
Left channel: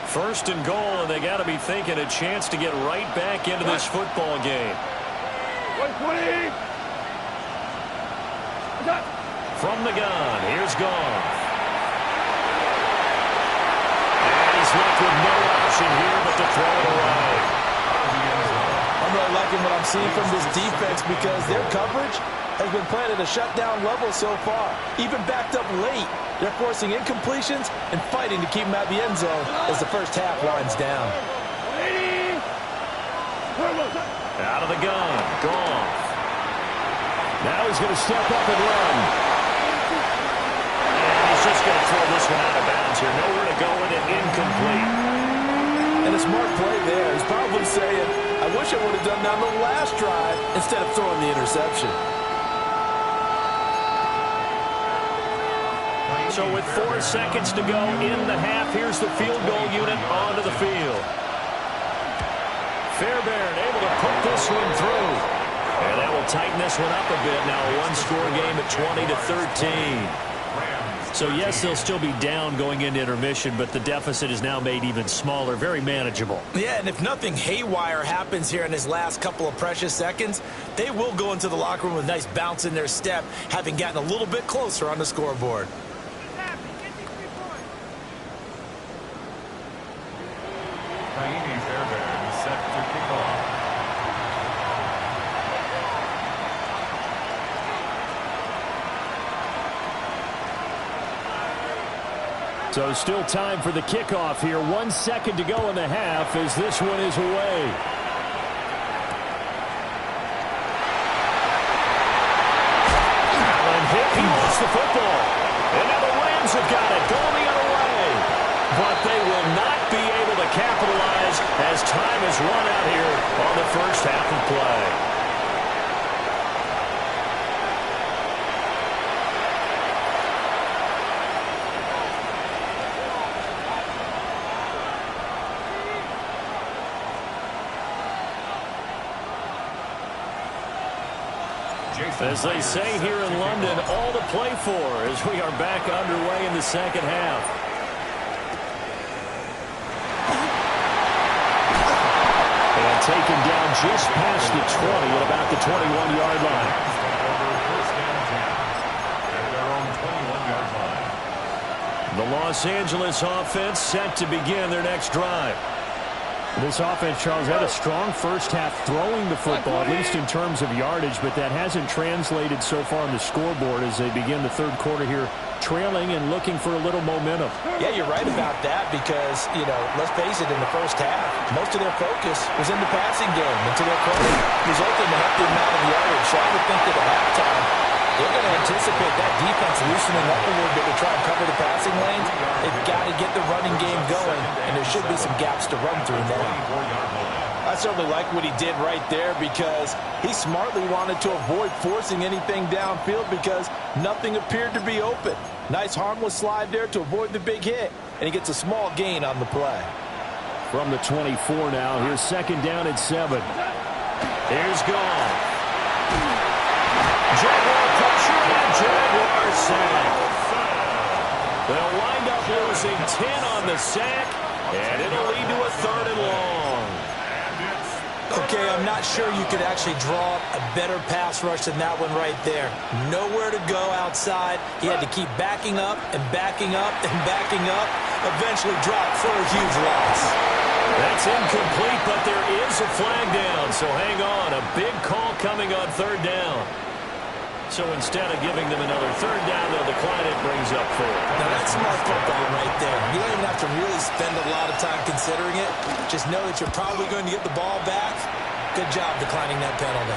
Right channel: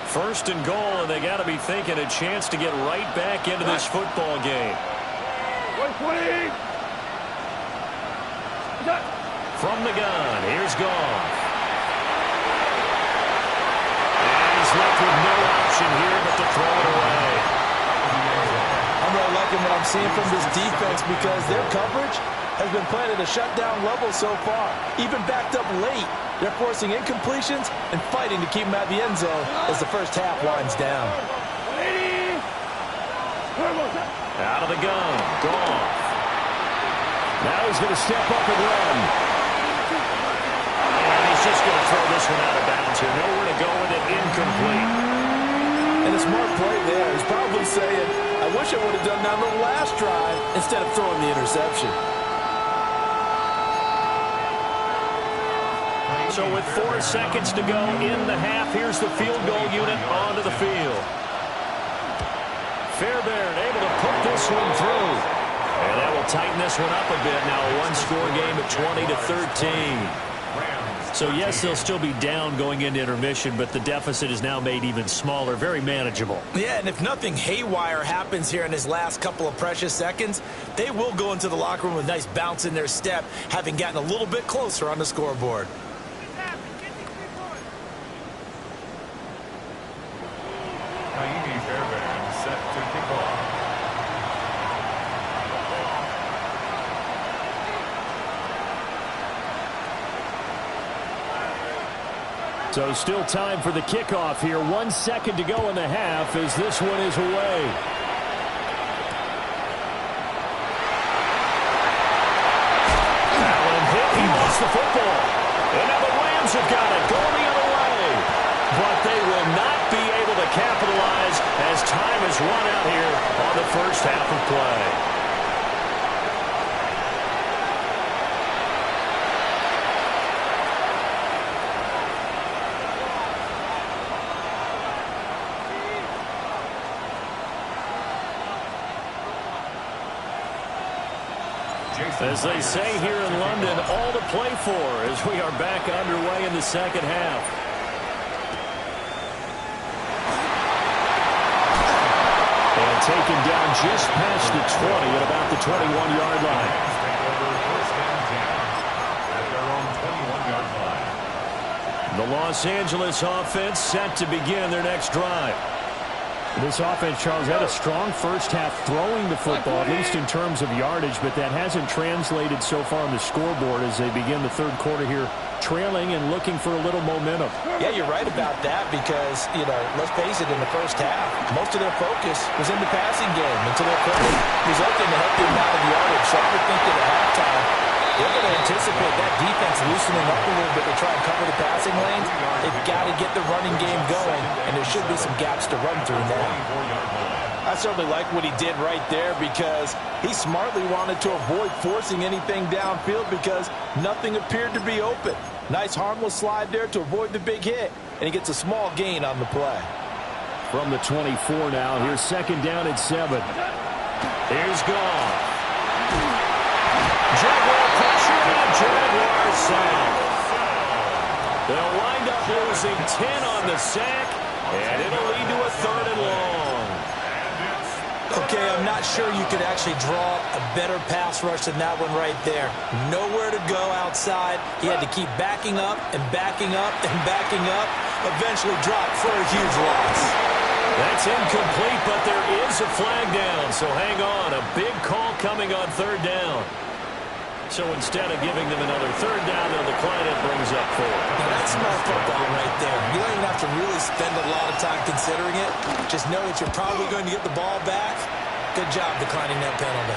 First and goal, and they got to be thinking a chance to get right back into this football game. 120. From the gun, here's Goff. And he's left with no option here but to throw it away. I'm really liking what I'm seeing from this defense because their coverage has been playing at a shutdown level so far. Even backed up late, they're forcing incompletions and fighting to keep them out of the end zone as the first half winds down. 180. Out of the gun. Goff. Now he's going to step up and run. And he's just going to throw this one out of bounds here. Nowhere to go with it. Incomplete. And a smart play there. He's probably saying, I wish I would have done that on the last drive instead of throwing the interception. So with 4 seconds to go in the half, here's the field goal unit onto the field. Fairbairn able to put this one through. And that will tighten this one up a bit. Now a one-score game at 20-13. So yes, they'll still be down going into intermission, but the deficit is now made even smaller, very manageable. Yeah, and if nothing haywire happens here in his last couple of precious seconds, they will go into the locker room with a nice bounce in their step, having gotten a little bit closer on the scoreboard. Kaimi Fairbairn set to kick off. So still time for the kickoff here. 1 second to go in the half as this one is away. Allen hit. He lost the football. And now the Rams have got it going the other way. But they will not be able to capitalize as time has run out here on the first half of play. As they say here in London, all to play for as we are back underway in the second half. And taken down just past the 20 at about the 21-yard line. Take over first and 10 at their own 21-yard line. The Los Angeles offense set to begin their next drive. This offense, Charles, had a strong first half throwing the football, at least in terms of yardage, but that hasn't translated so far on the scoreboard as they begin the third quarter here, trailing and looking for a little momentum. Yeah, you're right about that because, you know, let's face it, in the first half, most of their focus was in the passing game. And to their credit, resulted in a healthy amount of yardage. So I would think that at halftime, they're going to anticipate that defense loosening up a little bit to try and cover the passing lanes. They've got to get the running game going, and there should be some gaps to run through now. I certainly like what he did right there because he smartly wanted to avoid forcing anything downfield because nothing appeared to be open. Nice harmless slide there to avoid the big hit, and he gets a small gain on the play. From the 24 now, here's second down at 7. Here's Goff. Jaguar pressure and Jaguar sack. They'll wind up losing 10 on the sack, and it'll lead to a 3rd and long. Okay, I'm not sure you could actually draw a better pass rush than that one right there. Nowhere to go outside. He had to keep backing up and backing up and backing up. Eventually dropped for a huge loss. That's incomplete, but there is a flag down, so hang on. A big call coming on 3rd down. So instead of giving them another 3rd down, they'll decline it, brings up 4. Now that's smart football right there. You don't even have to really spend a lot of time considering it. Just know that you're probably going to get the ball back. Good job declining that penalty.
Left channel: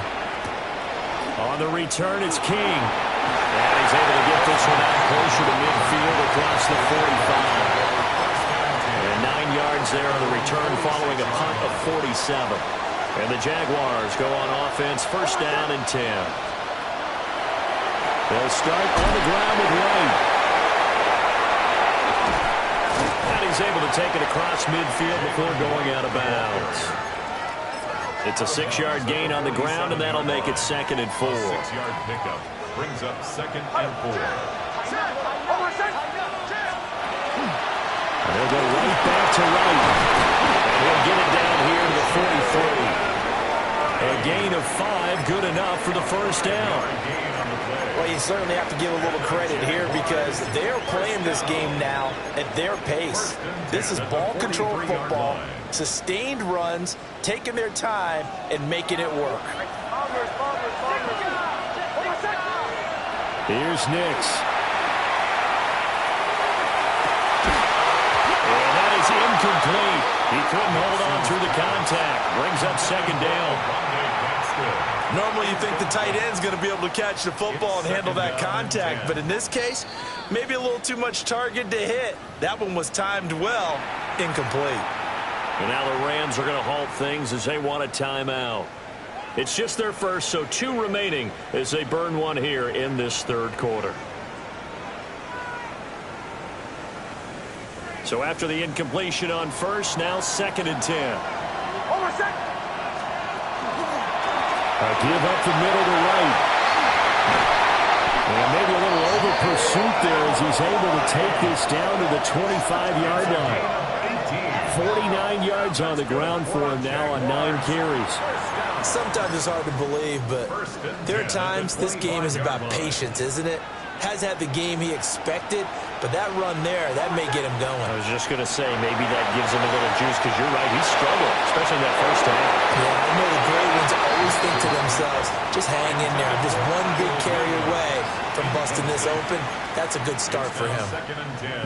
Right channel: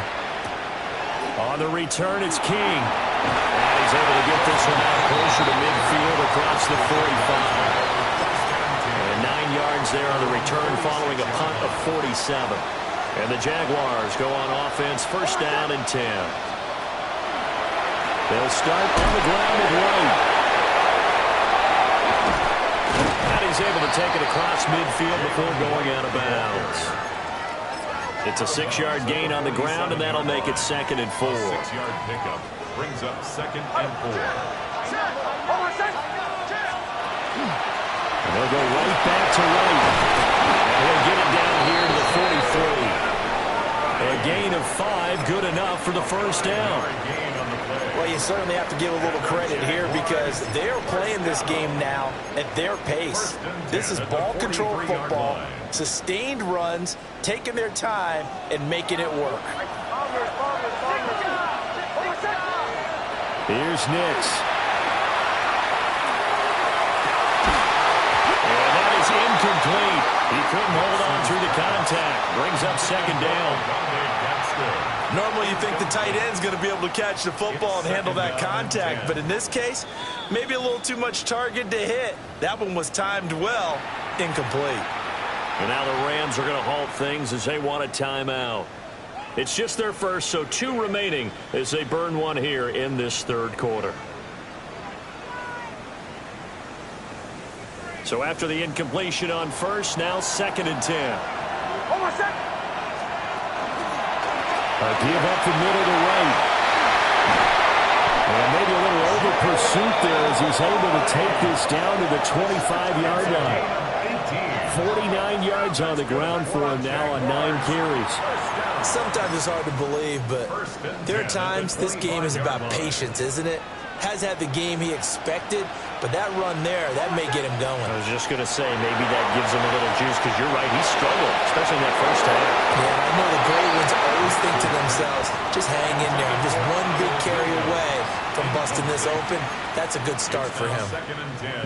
On the return, it's King. And he's able to get this one out closer to midfield across the 45. And 9 yards there on the return following a punt of 47. And the Jaguars go on offense, first down and 10. They'll start on the ground with White. And he's able to take it across midfield before going out of bounds. It's a 6-yard gain on the ground, and that'll make it 2nd and 4. 6-yard pickup brings up 2nd and 4. And they'll go right back to Wright. And he'll get it down here to the 43. A gain of 5, good enough for the first down. Well, you certainly have to give a little credit here because they're playing this game now at their pace. This is ball control football, sustained runs, taking their time, and making it work. Here's Nix. And that is incomplete. He couldn't hold on through the contact. Brings up second down. Normally you think the tight end's going to be able to catch the football and handle that contact, but in this case, maybe a little too much target to hit. That one was timed well, incomplete. And now the Rams are going to halt things as they want a timeout. It's just their first, so 2 remaining as they burn one here in this third quarter. So after the incompletion on first, now 2nd and 10. A give up the middle to right. And maybe a little over pursuit there as he's able to take this down to the 25-yard line. 49 yards on the ground for him now on 9 carries. Sometimes it's hard to believe, but there are times this game is about patience, isn't it? Has had the game he expected, but that run there, that may get him going. I was just going to say, maybe that gives him a little juice, because you're right, he struggled, especially in that first half. Yeah, and I know the great ones always think to themselves, just hang in there. I'm just one big carry away from busting this open. That's a good start for him.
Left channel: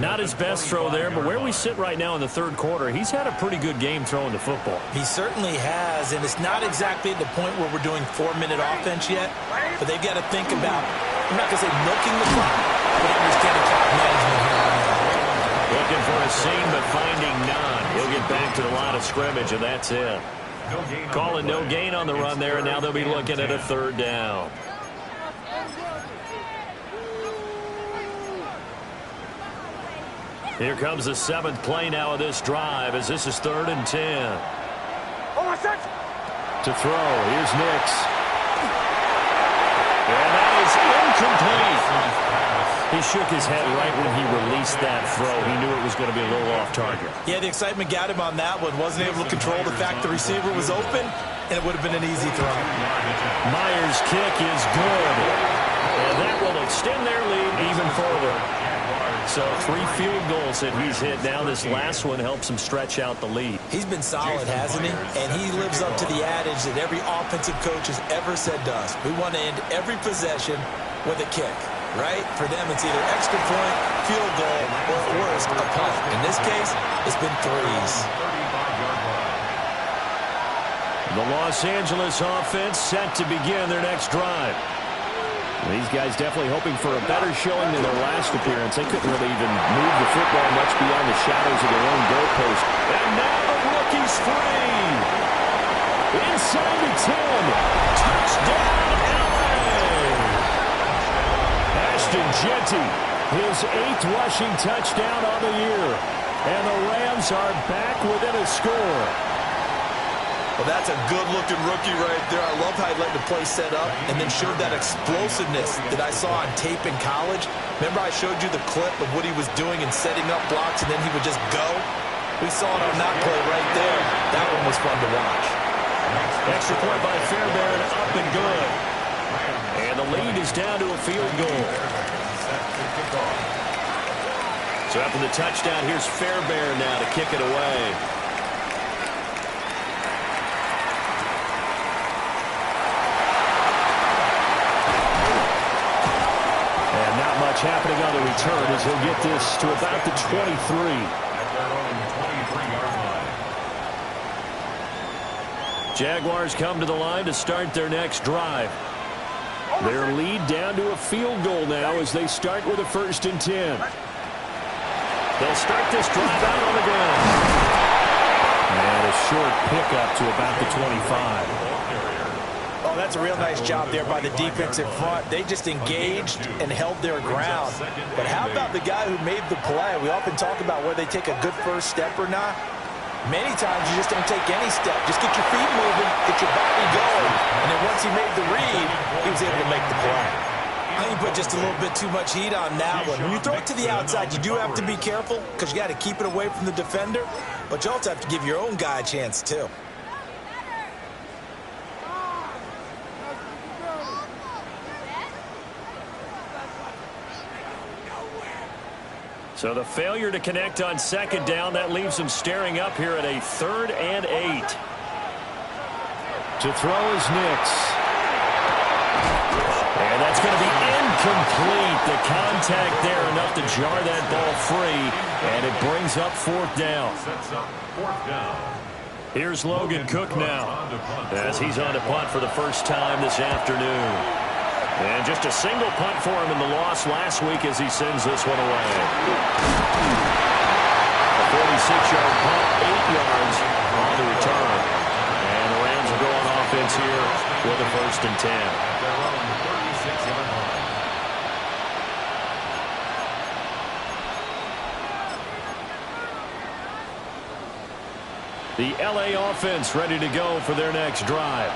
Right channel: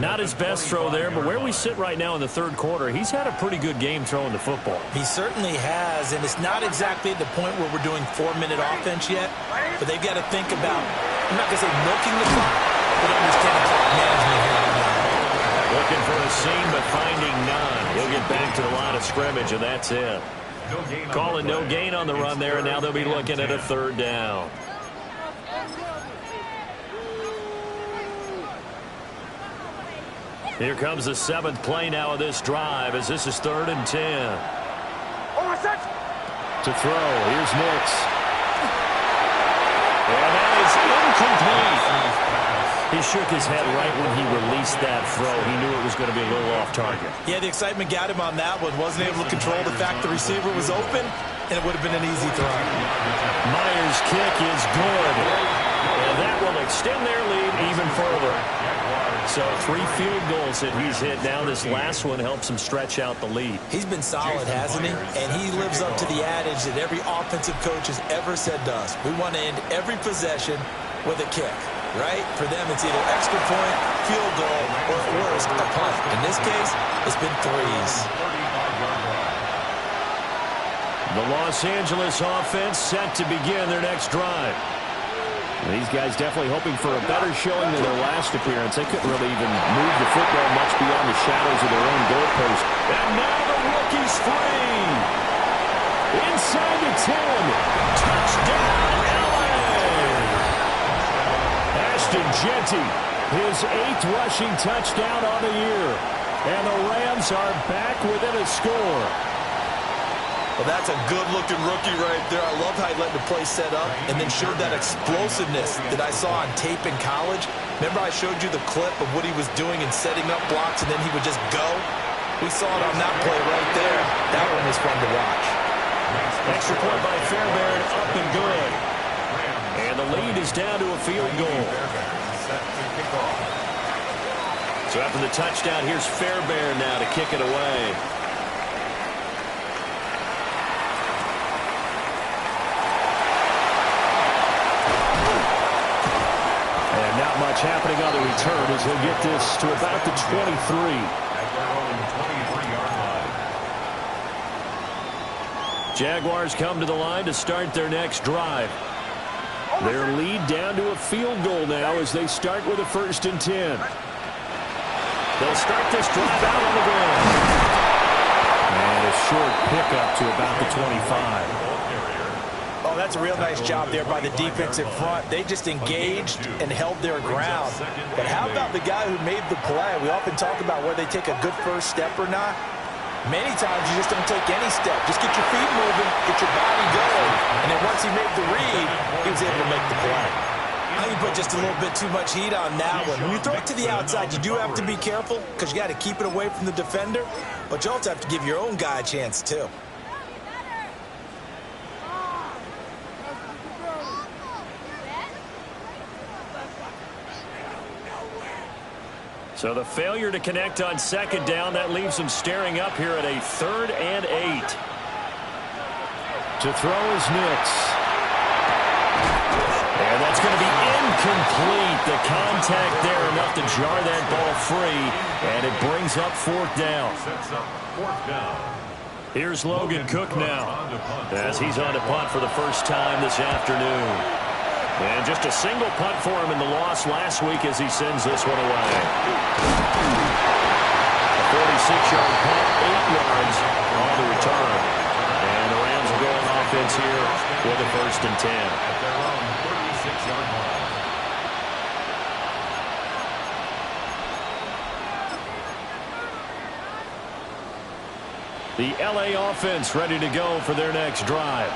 Not his best throw there, but where we sit right now in the third quarter, he's had a pretty good game throwing the football. He certainly has, and it's not exactly at the point where we're doing 4-minute offense yet, but they've got to think about, I'm not going to say milking the clock, but understanding clock management here on now. Looking for a seam, but finding none. He'll get back to the line of scrimmage, and that's it. Calling no gain on the run there, and now they'll be looking at a 3rd down. Here comes the 7th play now of this drive, as this is 3rd and 10. To throw, here's Nix. And that is incomplete. He shook his head right when he released that throw. He knew it was going to be a little off target. Yeah, the excitement got him on that one. Wasn't able to control the fact the receiver was open, and it would have been an easy throw. Myers' kick is good. And that will extend their lead even further. So 3 field goals that he's hit now. This last one helps him stretch out the lead. He's been solid, hasn't he? And he lives up to the adage that every offensive coach has ever said to us. We want to end every possession with a kick, right? For them, it's either extra point, field goal, or at worst, a punt. In this case, it's been 3s. The Los Angeles offense set to begin their next drive. These guys definitely hoping for a better showing than their last appearance. They couldn't really even move the football much beyond the shadows of their own goalpost. And now the rookie's free. Inside the 10. Touchdown, LA. Ashton Jeanty, his 8th rushing touchdown on the year. And the Rams are back within a score. Well, that's a good-looking rookie right there. I love how he let the play set up and then showed that explosiveness that I saw on tape in college. Remember I showed you the clip of what he was doing and setting up blocks, and then he would just go? We saw it on that play right there. That one was fun to watch. Extra point by Fairbairn, up and good. And the lead is down to a field goal. So after the touchdown, here's Fairbairn now to kick it away. And not much happening on the return as he'll get this to about the 23. At their own 23-yard line. Jaguars come to the line to start their next drive. Their lead down to a field goal now as they start with a 1st and 10. They'll start this drive out on the ground. And a short pickup to about the 25. Oh, that's a real nice job there by the defense in front. They just engaged and held their ground. But how about the guy who made the play? We often talk about whether they take a good first step or not. Many times you just don't take any step. Just get your feet moving, get your body going. And then once he made the read, he was able to make the play. I think you put just a little bit too much heat on that one. When you throw it to the outside, you do have to be careful because you got to keep it away from the defender. But you also have to give your own guy a chance, too. So the failure to connect on 2nd down, that leaves them staring up here at a 3rd and 8. To throw is Nix. And that's going to be incomplete. The contact there enough to jar that ball free, and it brings up fourth down. Sets up fourth down. Here's Logan Cook now, as he's on to punt for the first time this afternoon. And just a single punt for him in the loss last week as he sends this one away. A 46-yard punt, 8 yards on the return. And the Rams will go on offense here with a 1st and 10. At their own 36-yard line. The L.A. offense ready to go for their next drive.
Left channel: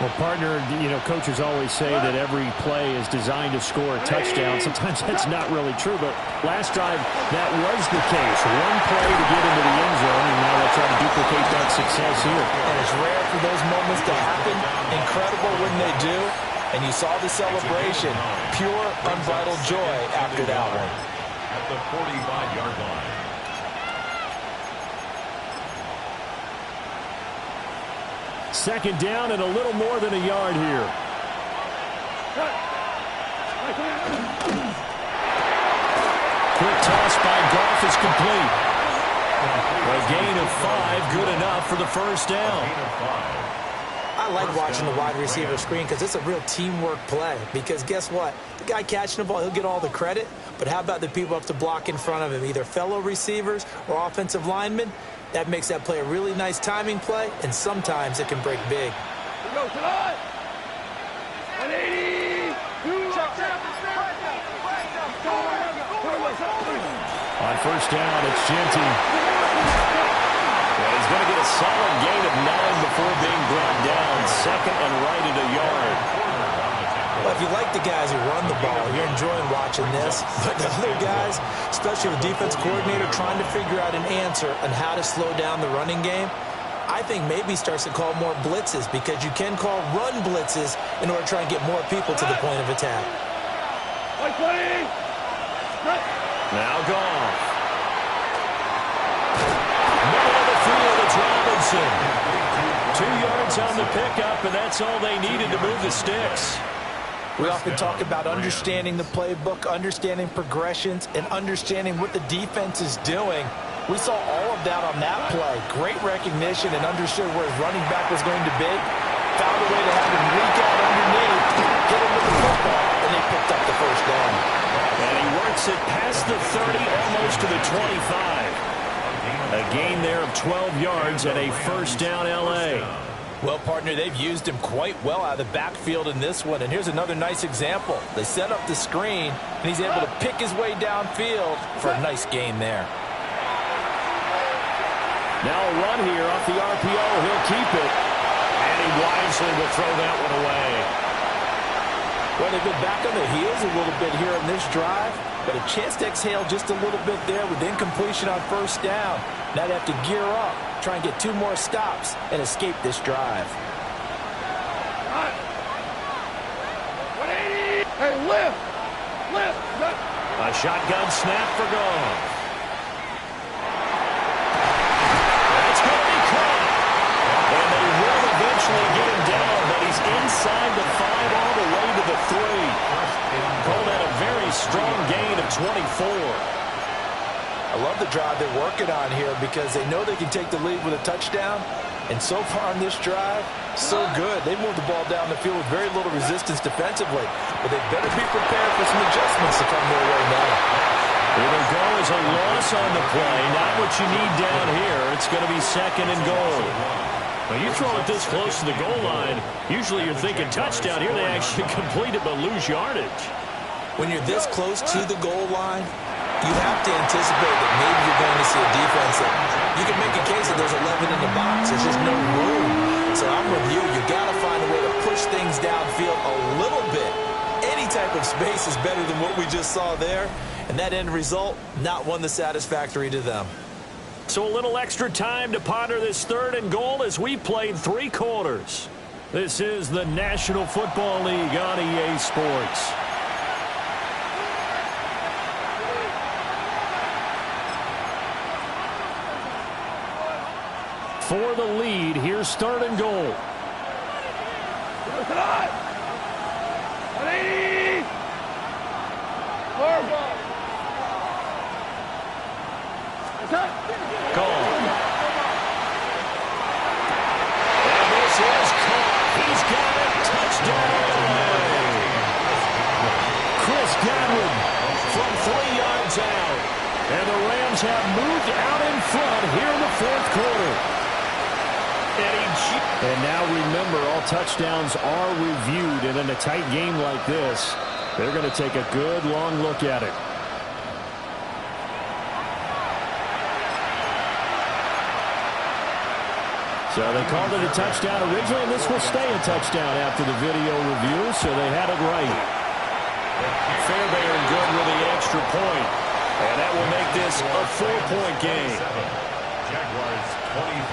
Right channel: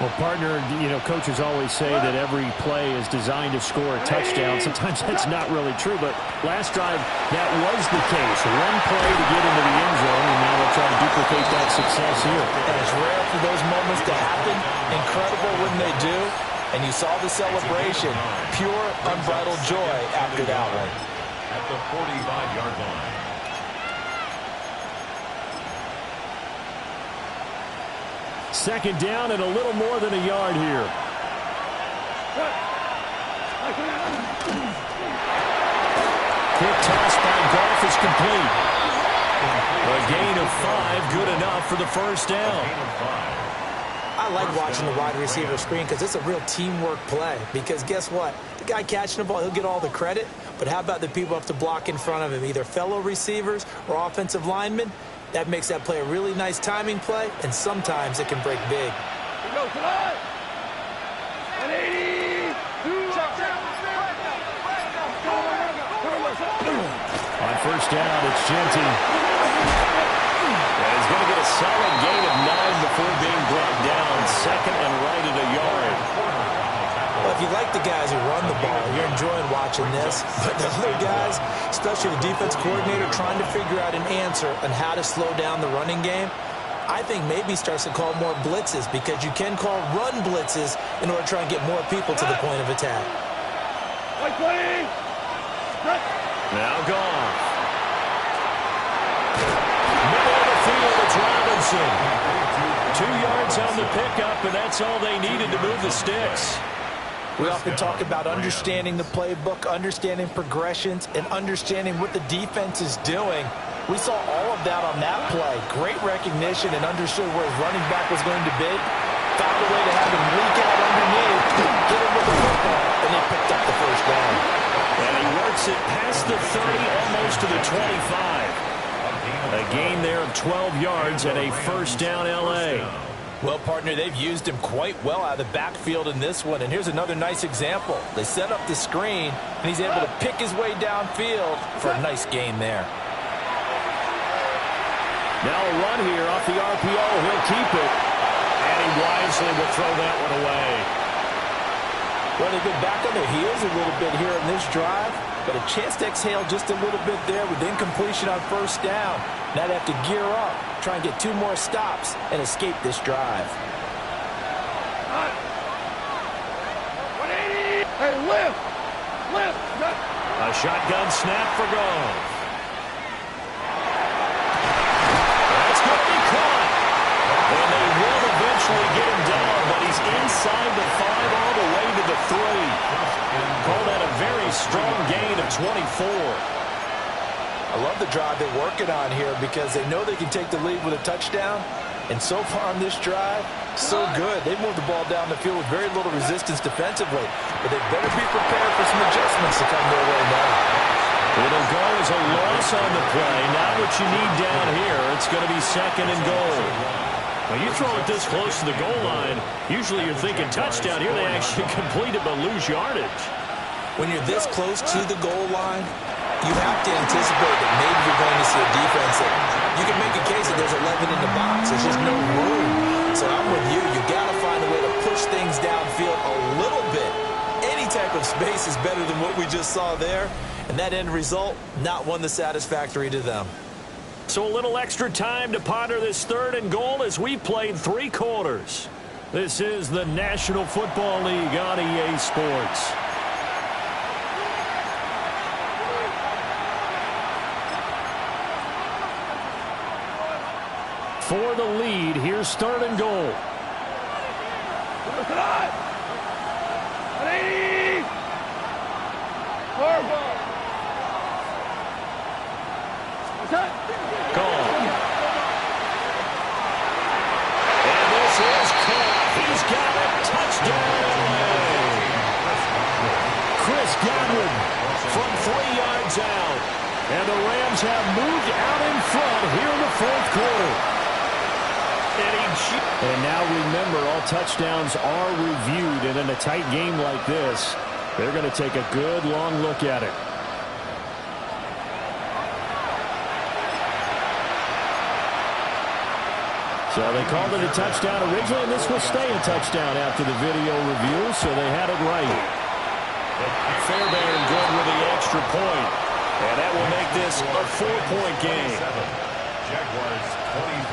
Well, partner, coaches always say that every play is designed to score a touchdown. Sometimes that's not really true, but last drive, that was the case. One play to get into the end zone, and now they'll try to duplicate that success here. And it's rare for those moments to happen. Incredible when they do. And you saw the celebration. Pure, unbridled joy after that one. At the 45-yard line. Second down and a little more than a yard here. Quick toss by Goff is complete. A gain of 5, good enough for the first down. I like watching the wide receiver screen because it's a real teamwork play. Because guess what? The guy catching the ball, he'll get all the credit. But how about the people up to block in front of him, either fellow receivers or offensive linemen? That makes that play a really nice timing play, and sometimes it can break big. We go tonight. 180. On first down, it's Genty. And he's going to get a solid gain of 9 before being brought down. 2nd and right at a yard. Well, if you like the guys who run the ball, you're enjoying watching this. But the other guys, especially the defense coordinator, trying to figure out an answer on how to slow down the running game, I think maybe starts to call more blitzes, because you can call run blitzes in order to try and get more people to the point of attack. Now Goff. Middle of the field, it's Robinson. 2 yards on the pickup, and that's all they needed to move the sticks. We often talk about understanding the playbook, understanding progressions, and understanding what the defense is doing. We saw all of that on that play. Great recognition and understood where his running back was going to be. Found a way to have him leak out underneath, get him with the football, and they picked up the first down. And he works it past the 30, almost to the 25. A gain there of 12 yards and a first down L.A. Well, partner, they've used him quite well out of the backfield in this one. And here's another nice example. They set up the screen, and he's able to pick his way downfield for a nice gain there. Now a run here off the RPO. He'll keep it. And he wisely will throw that one away. Well, they've been back on their heels a little bit here in this drive, but a chance to exhale just a little bit there with incompletion on first down. Now they have to gear up, try and get 2 more stops, and escape this drive. 180. Hey, lift. A shotgun snap for Goff. That's going to be caught. And they will eventually get him down, but he's inside the 5 all the way to the 3. Call that a very strong gain of 24. I love the drive they're working on here because they know they can take the lead with a touchdown. And so far on this drive, so good. They moved the ball down the field with very little resistance defensively. But they better be prepared for some adjustments to come their way now. It'll go as a loss on the play. Not what you need down here. It's going to be 2nd and goal. Now, you throw it this close to the goal line, usually you're thinking touchdown. Here they actually complete it but lose yardage. When you're this close to the goal line, you have to anticipate that maybe you're going to see a defense that you can make a case that there's 11 in the box. There's just no room. So I'm with you. You got to find a way to push things downfield a little bit. Any type of space is better than what we just saw there. And that end result, not one that's satisfactory to them. So a little extra time to ponder this 3rd and goal as we played 3 quarters. This is the National Football League on EA Sports. For the lead, here's 3rd and goal. 180. Horrible. Gone. And this is caught. He's got it. Touchdown, LA. Chris Godwin from 3 yards out. And the Rams have moved out in front here in the fourth quarter. And now remember, all touchdowns are reviewed. And in a tight game like this, they're going to take a good long look at it. So they called it a touchdown originally, and this will stay a touchdown after the video review, so they had it right. Fairbairn good with the extra point. And that will make this a 4-point game. Jaguars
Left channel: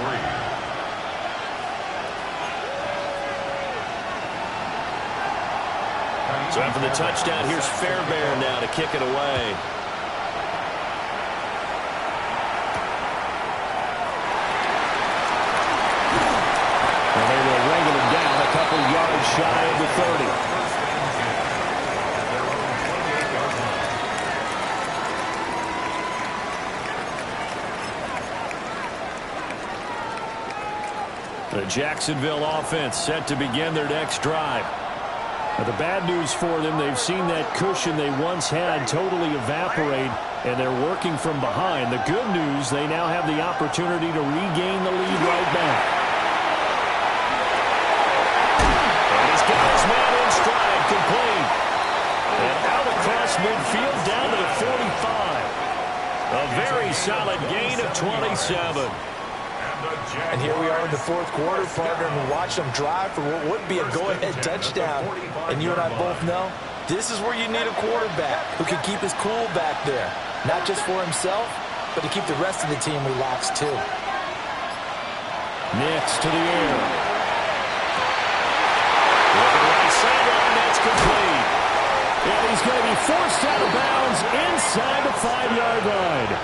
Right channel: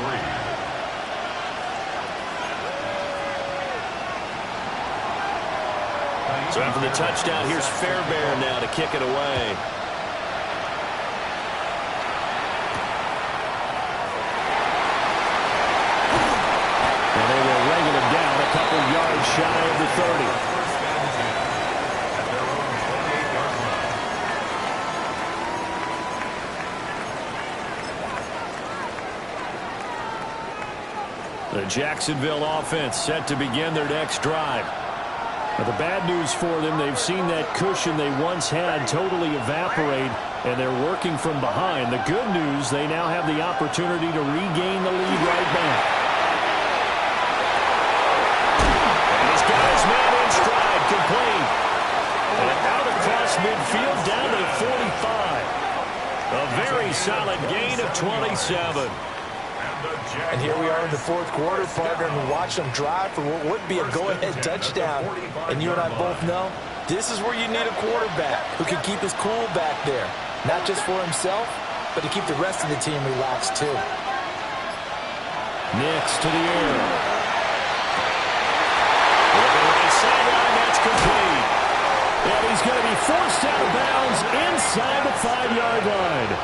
23. So after the touchdown, here's Fairbairn now to kick it away. And they will wrangle him down a couple yards shy of the 30. First and 10 at their own 28-yard line. The Jacksonville offense set to begin their next drive. But the bad news for them, they've seen that cushion they once had totally evaporate, and they're working from behind. The good news, they now have the opportunity to regain the lead right back. Got his man in stride, complete. And out across midfield, down to the 45. A very solid gain of 27. And here we are in the fourth quarter, partner, and watch them drive for what would be a go-ahead touchdown. And you and I both know this is where you need a quarterback who can keep his cool back there. Not just for himself, but to keep the rest of the team relaxed, too. Next to the air. Looking right sideline, that's complete. And he's going to be forced out of bounds inside the 5-yard line.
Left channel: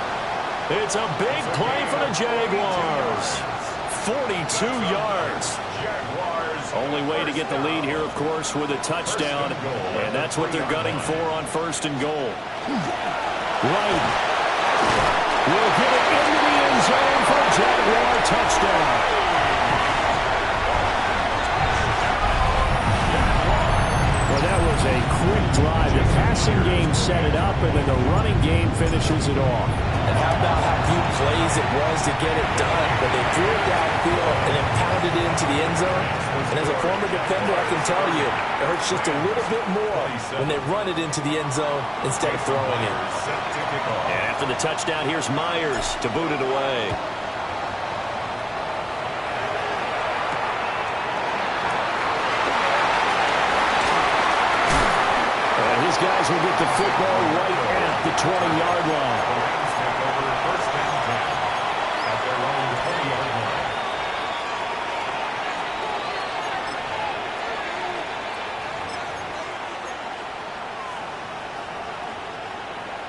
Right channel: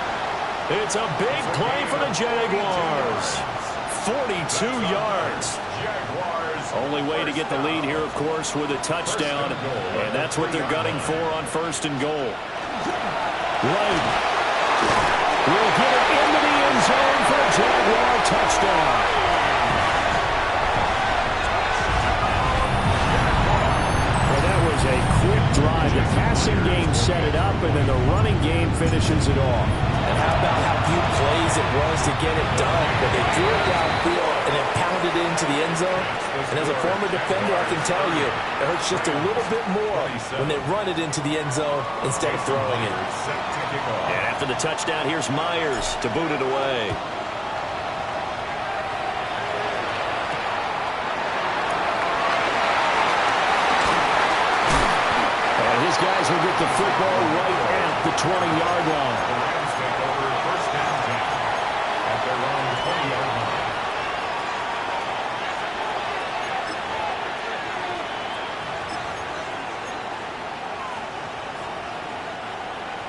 It's a big play for the Jaguars. 42 yards. Only way to get the lead here, of course, with a touchdown. And that's what they're gunning for on first and goal. Right. Will get it into the end zone for a Jaguar touchdown. Well, that was a quick drive. The passing game set it up, and then the running game finishes it off. And how about how few plays it was to get it done, but they threw it downfield and then pounded it into the end zone. And as a former defender, I can tell you, it hurts just a little bit more when they run it into the end zone instead of throwing it. And after the touchdown, here's Myers to boot it away. And his guys will get the football right at the 20-yard line. The Rams take over first and 10 at their own 20-yard line.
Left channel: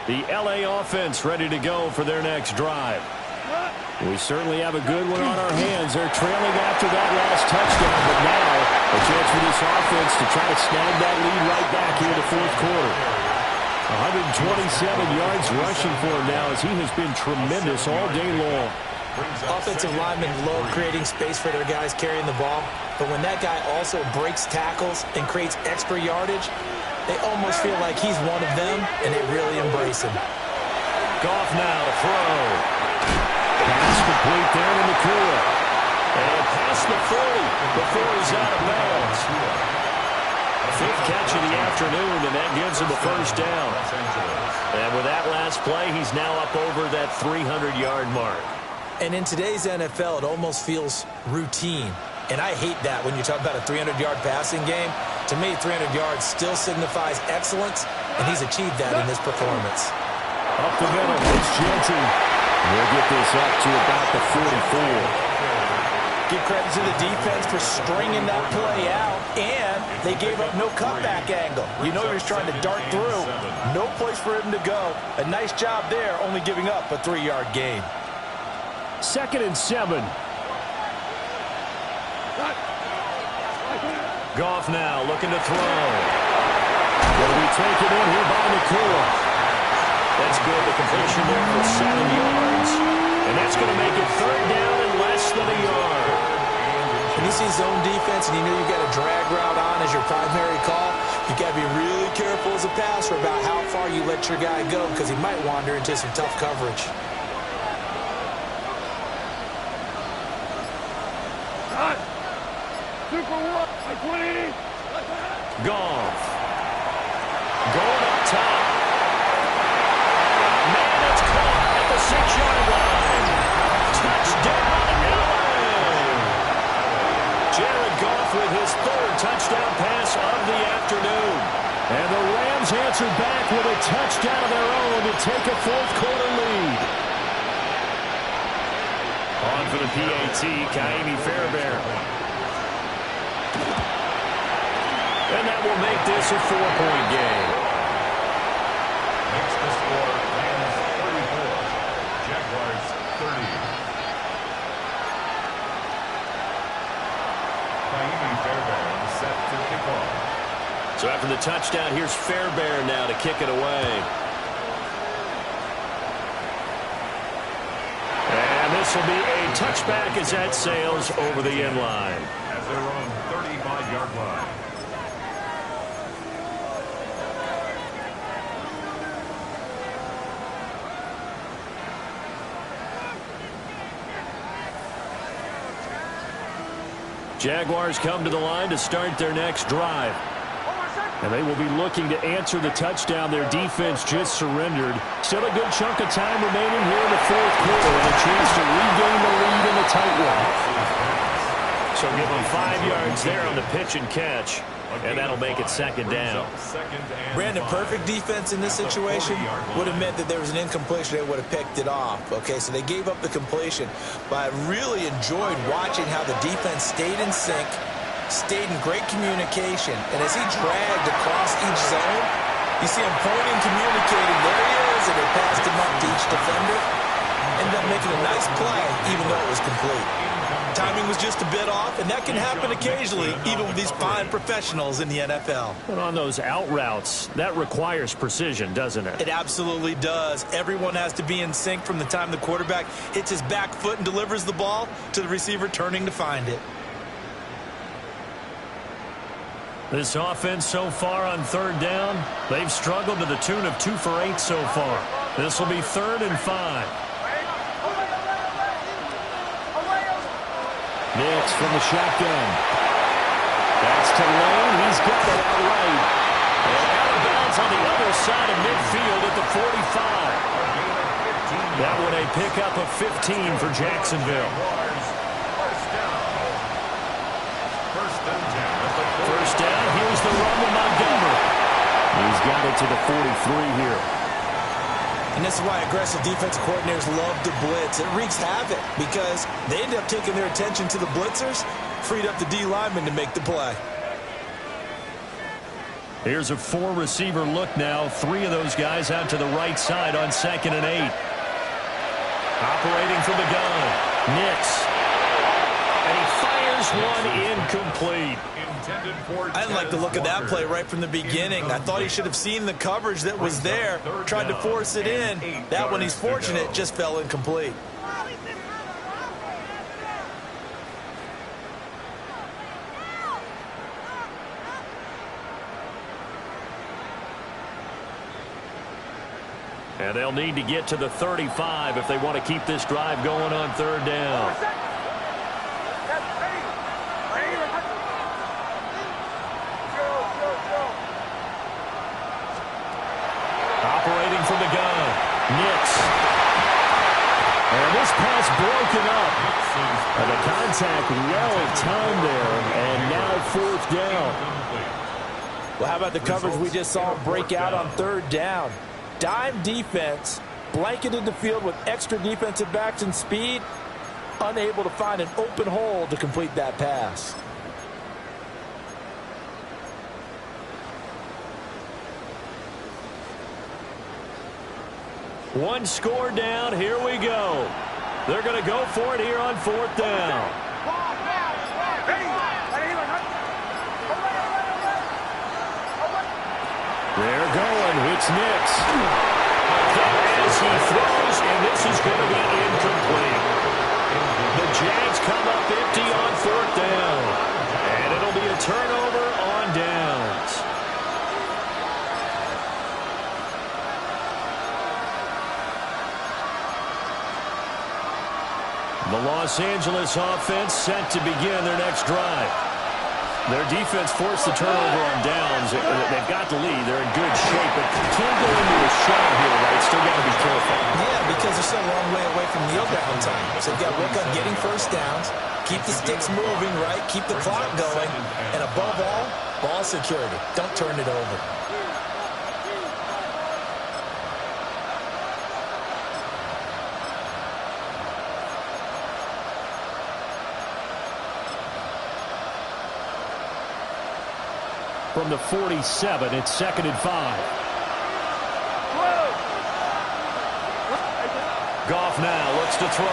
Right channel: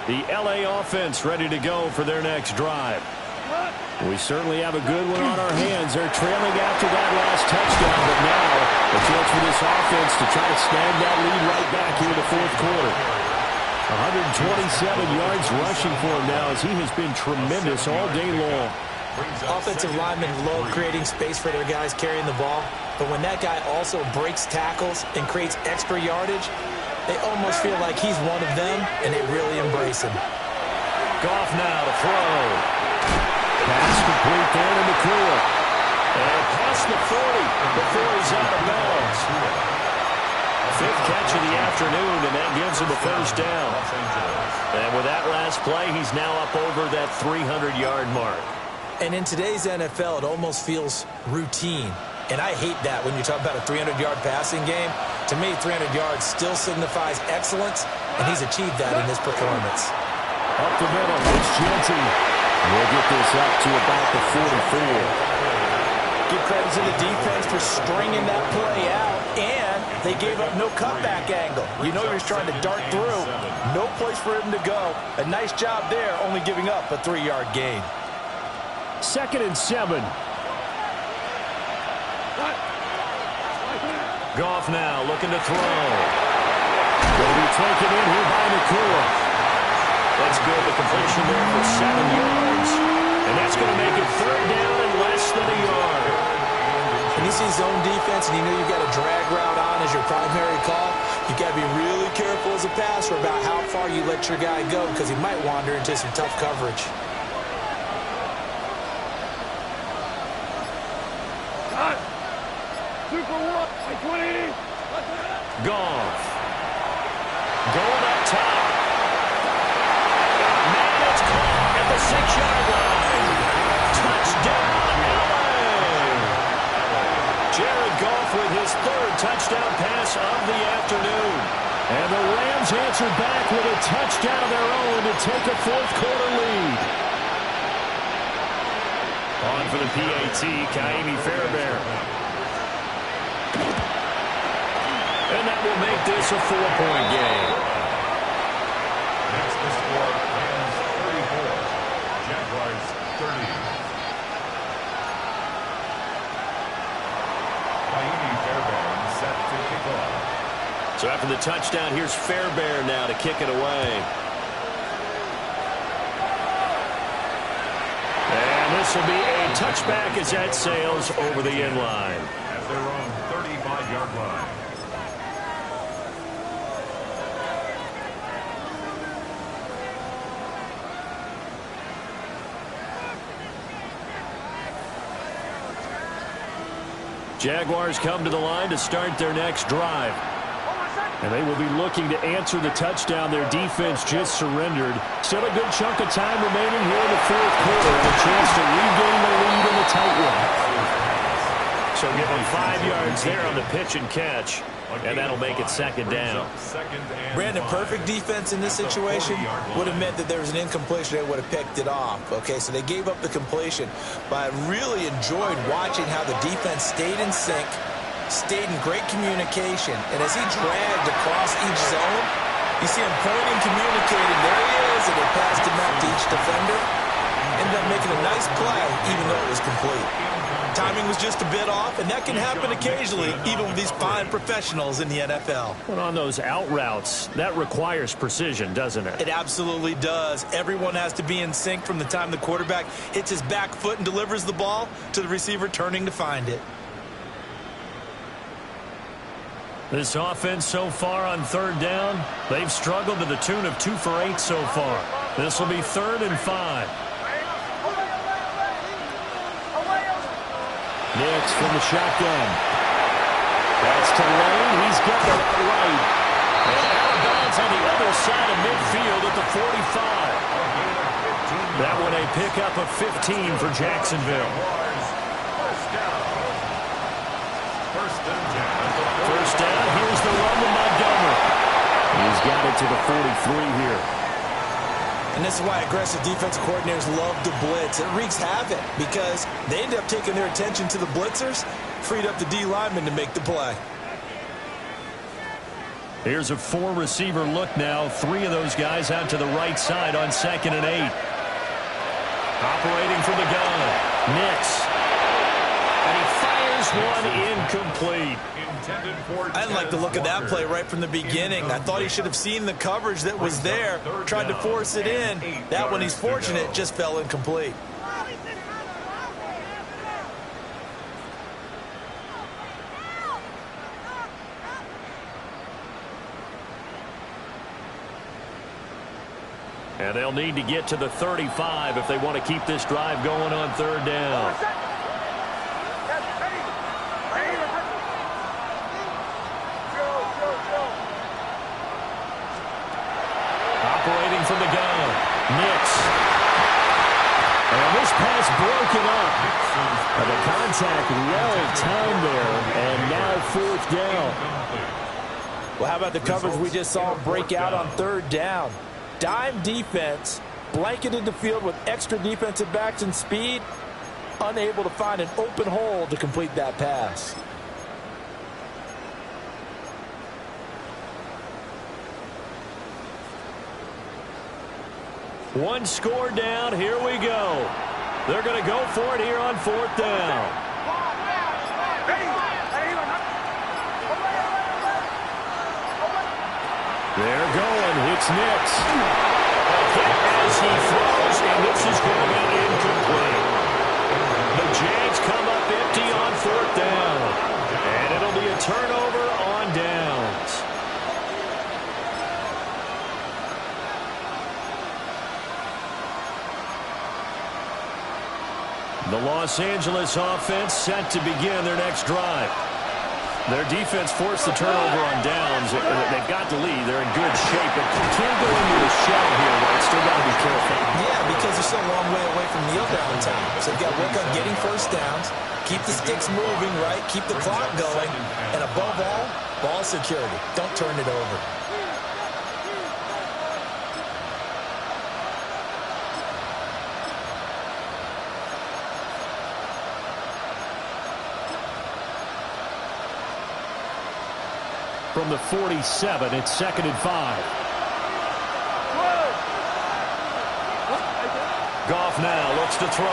The L.A. offense ready to go for their next drive. We certainly have a good one on our hands. They're trailing after that last touchdown, but now a chance for this offense to try to snag that lead right back here in the fourth quarter. 127 yards rushing for him now as he has been tremendous all day long. Offensive linemen love creating space for their guys carrying the ball, but when that guy also breaks tackles and creates extra yardage, they almost feel like he's one of them, and they really embrace him. Goff now to throw. Pass complete there to McCool. And past the 40 before he's out of bounds. Fifth catch of the afternoon, and that gives him a first down. And with that last play, he's now up over that 300-yard mark. And in today's NFL, it almost feels routine. And I hate that when you talk about a 300-yard passing game. To me, 300 yards still signifies excellence, and he's achieved that in this performance. Up the middle, it's Jeanty. We'll get this up to about the 44. Give credit to the defense for stringing that play out, and they gave up no cutback angle. You know he was trying to dart through. No place for him to go. A nice job there, only giving up a 3-yard gain. 2nd and 7. Goff now looking to throw. Going to be taken in here by Nakua. That's good. The completion there for 7 yards. And that's going to make it 3rd down and less than a yard. When you see zone defense and you know you've got a drag route on as your primary call, you've got to be really careful as a passer about how far you let your guy go because he might wander into some tough coverage. Super 1, by 20. Goff. Going up top. Man, it's caught at the 6-yard line. Touchdown, LA. Jared Goff with his 3rd touchdown pass of the afternoon. And the Rams answered back with a touchdown of their own to take a 4th quarter lead. On for the PAT, Ka'imi Fairbairn. And that will make this a 4-point game. Makes the score Rams 34, Jaguars 30. Ka'imi Fairbairn set to kick off. So after the touchdown, here's Fairbairn now to kick it away. And this will be a touchback as that sails over the end line. At their own 35-yard line. Jaguars come to the line to start their next drive. And they will be looking to answer the touchdown their defense just surrendered. Still a good chunk of time remaining here in the 4th quarter and a chance to regain the lead in the tight one. So give them 5 yards there on the pitch and catch. And that'll make it 2nd down. Brandon, perfect defense in this situation would have meant that there was an incompletion. They would have picked it off. Okay, so they gave up the completion. But I really enjoyed watching how the defense stayed in sync, stayed in great communication. And as he dragged across each zone, you see him pointing, communicating. There he is, and they passed him up to each defender. Ended up making a nice play, even though it was complete. Timing was just a bit off, and that can happen occasionally, even with these fine professionals in the NFL. But on those out routes, that requires precision, doesn't it? It absolutely does. Everyone has to be in sync from the time the quarterback hits his back foot and delivers the ball to the receiver turning to find it. This offense so far on 3rd down, they've struggled to the tune of 2 for 8 so far. This will be 3rd and 5. Nix from the shotgun. That's to Lane. He's got it outright. And out of bounds on the other side of midfield at the 45. That one a pickup of 15 for Jacksonville. First down, here's the run to Montgomery. He's got it to the 43 here. And this is why aggressive defensive coordinators love to blitz. It wreaks havoc because they end up taking their attention to the blitzers, freed up the D lineman to make the play. Here's a 4-receiver look now. 3 of those guys out to the right side on 2nd and 8. Operating from the gun, Nix. And he fires one incomplete. I didn't like the look of that play right from the beginning. I thought he should have seen the coverage that was there, tried to force it in. That one, he's fortunate, just fell incomplete. And they'll need to get to the 35 if they want to keep this drive going on 3rd down. Operating from the gun, Nix. And this pass broken up. And the contact well timed there, and now 4th down. Well, how about the coverage we just saw him break out on 3rd down? Dime defense, blanketed the field with extra defensive backs and speed, unable to find an open hole to complete that pass. One score down. Here we go. They're going to go for it here on 4th down. They're going. It's Nix. A hit as he throws, and this is going to be incomplete. The Jags come up empty on 4th down. And it'll be a turnover on downs. The Los Angeles offense set to begin their next drive. Their defense forced the turnover on downs. They've got the lead. They're in good shape, but can't go into a shell here, right? Still got to be careful. Yeah, because they're still a long way away from kneel down time. So they've got to work on getting first downs, keep the sticks moving, right? Keep the clock going, and above all, ball security. Don't turn it over. From the 47, it's 2nd and 5. Goff now looks to throw.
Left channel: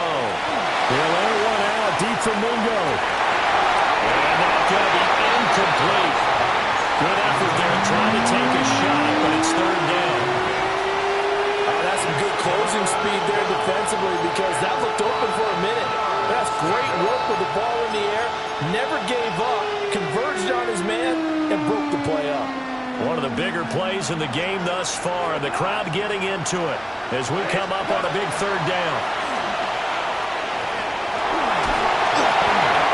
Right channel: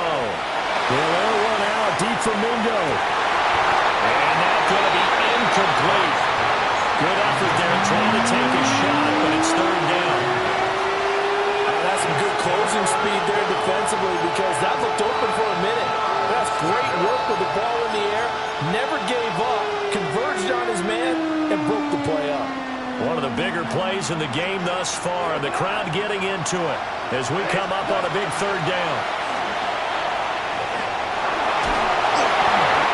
They'll air one out deep from Mingo. And that's going to be incomplete. Good effort there trying to take a shot, but it's 3rd down. That's some good closing speed there defensively because that looked open for a minute. That's great work with the ball in the air. Never gave up, converged on his man, and broke the play up. One of the bigger plays in the game thus far. The crowd getting into it as we come up on a big 3rd down.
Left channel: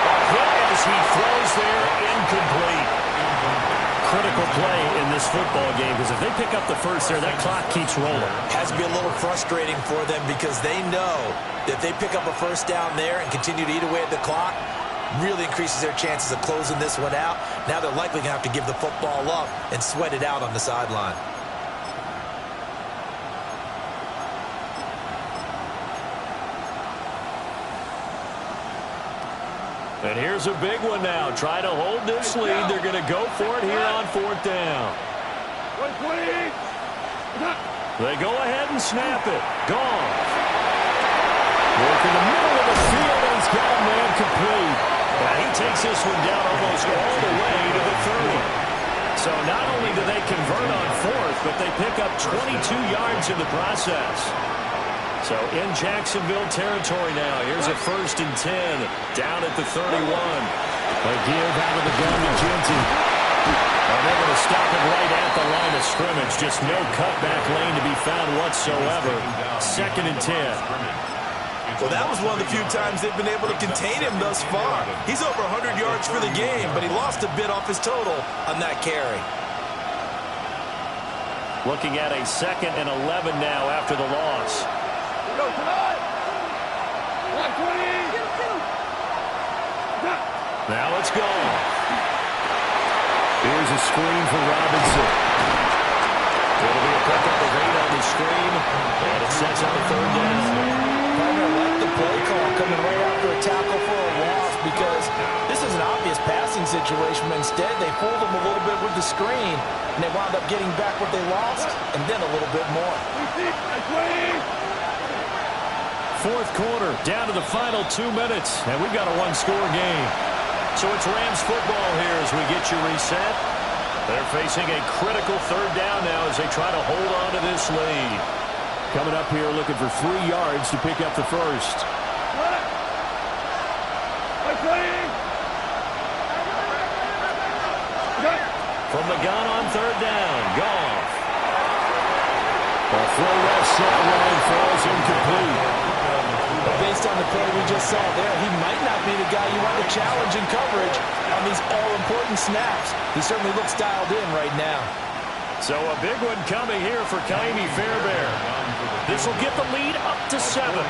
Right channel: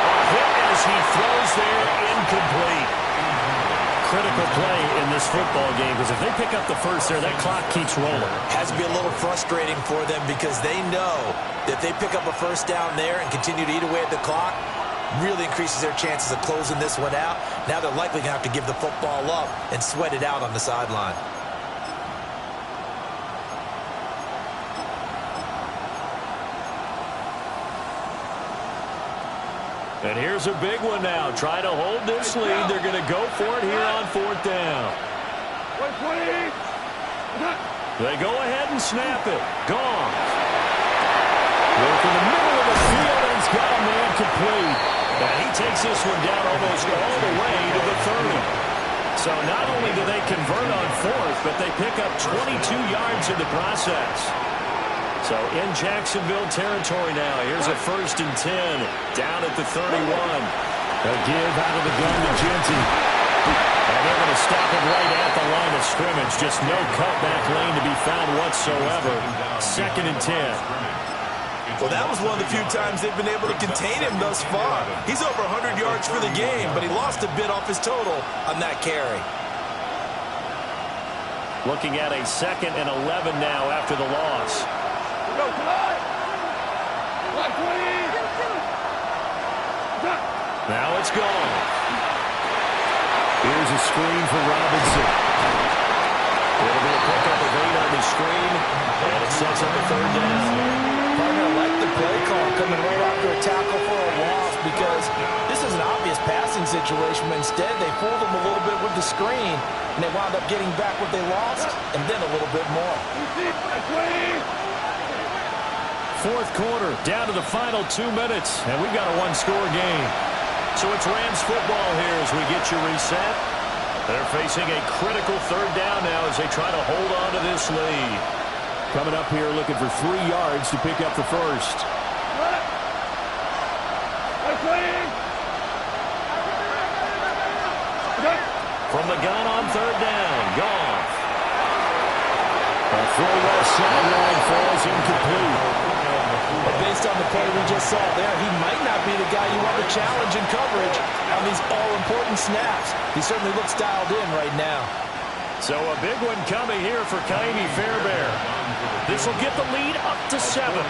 A hit as he throws there, incomplete. Critical play in this football game because if they pick up the first there, that clock keeps rolling. Has to be a little frustrating for them because they know that if they pick up a first down there and continue to eat away at the clock, really increases their chances of closing this one out. Now they're likely going to have to give the football up and sweat it out on the sideline. And here's a big one now. Try to hold this lead. They're going to go for it here on 4th down. They go ahead and snap it. Gone. Work in the middle of the field, and he's got a man complete. And he takes this one down almost all the way to the 30. So not only do they convert on 4th, but they pick up 22 yards in the process. So in Jacksonville territory now. Here's a 1st and 10 down at the 31. A give out of the gun to Genty. And they're going to stop him right at the line of scrimmage. Just no cutback lane to be found whatsoever. 2nd and 10. Well, that was one of the few times they've been able to contain him thus far. He's over 100 yards for the game, but he lost a bit off his total on that carry. Looking at a 2nd and 11 now after the loss. Now it's gone. Here's a screen for Robinson. It'll be a pickup of 8 on the screen, and it sets up a 3rd down. Partner, I like the play call coming right after a tackle for a loss because this is an obvious passing situation, but instead they fooled them a little bit with the screen, and they wound up getting back what they lost, and then a little bit more. 4th quarter, down to the final 2 minutes, and we've got a 1-score game. So it's Rams football here as we get you reset. They're facing a critical 3rd down now as they try to hold on to this lead. Coming up here looking for 3 yards to pick up the first. From the gun on 3rd down, Goff. A throw left sideline falls incomplete. But based on the play we just saw there, he might not be the guy you want to challenge in coverage on these all-important snaps. He certainly looks dialed in right now. So a big one coming here for Ka'imi Fairbairn. This will get the lead up to 7.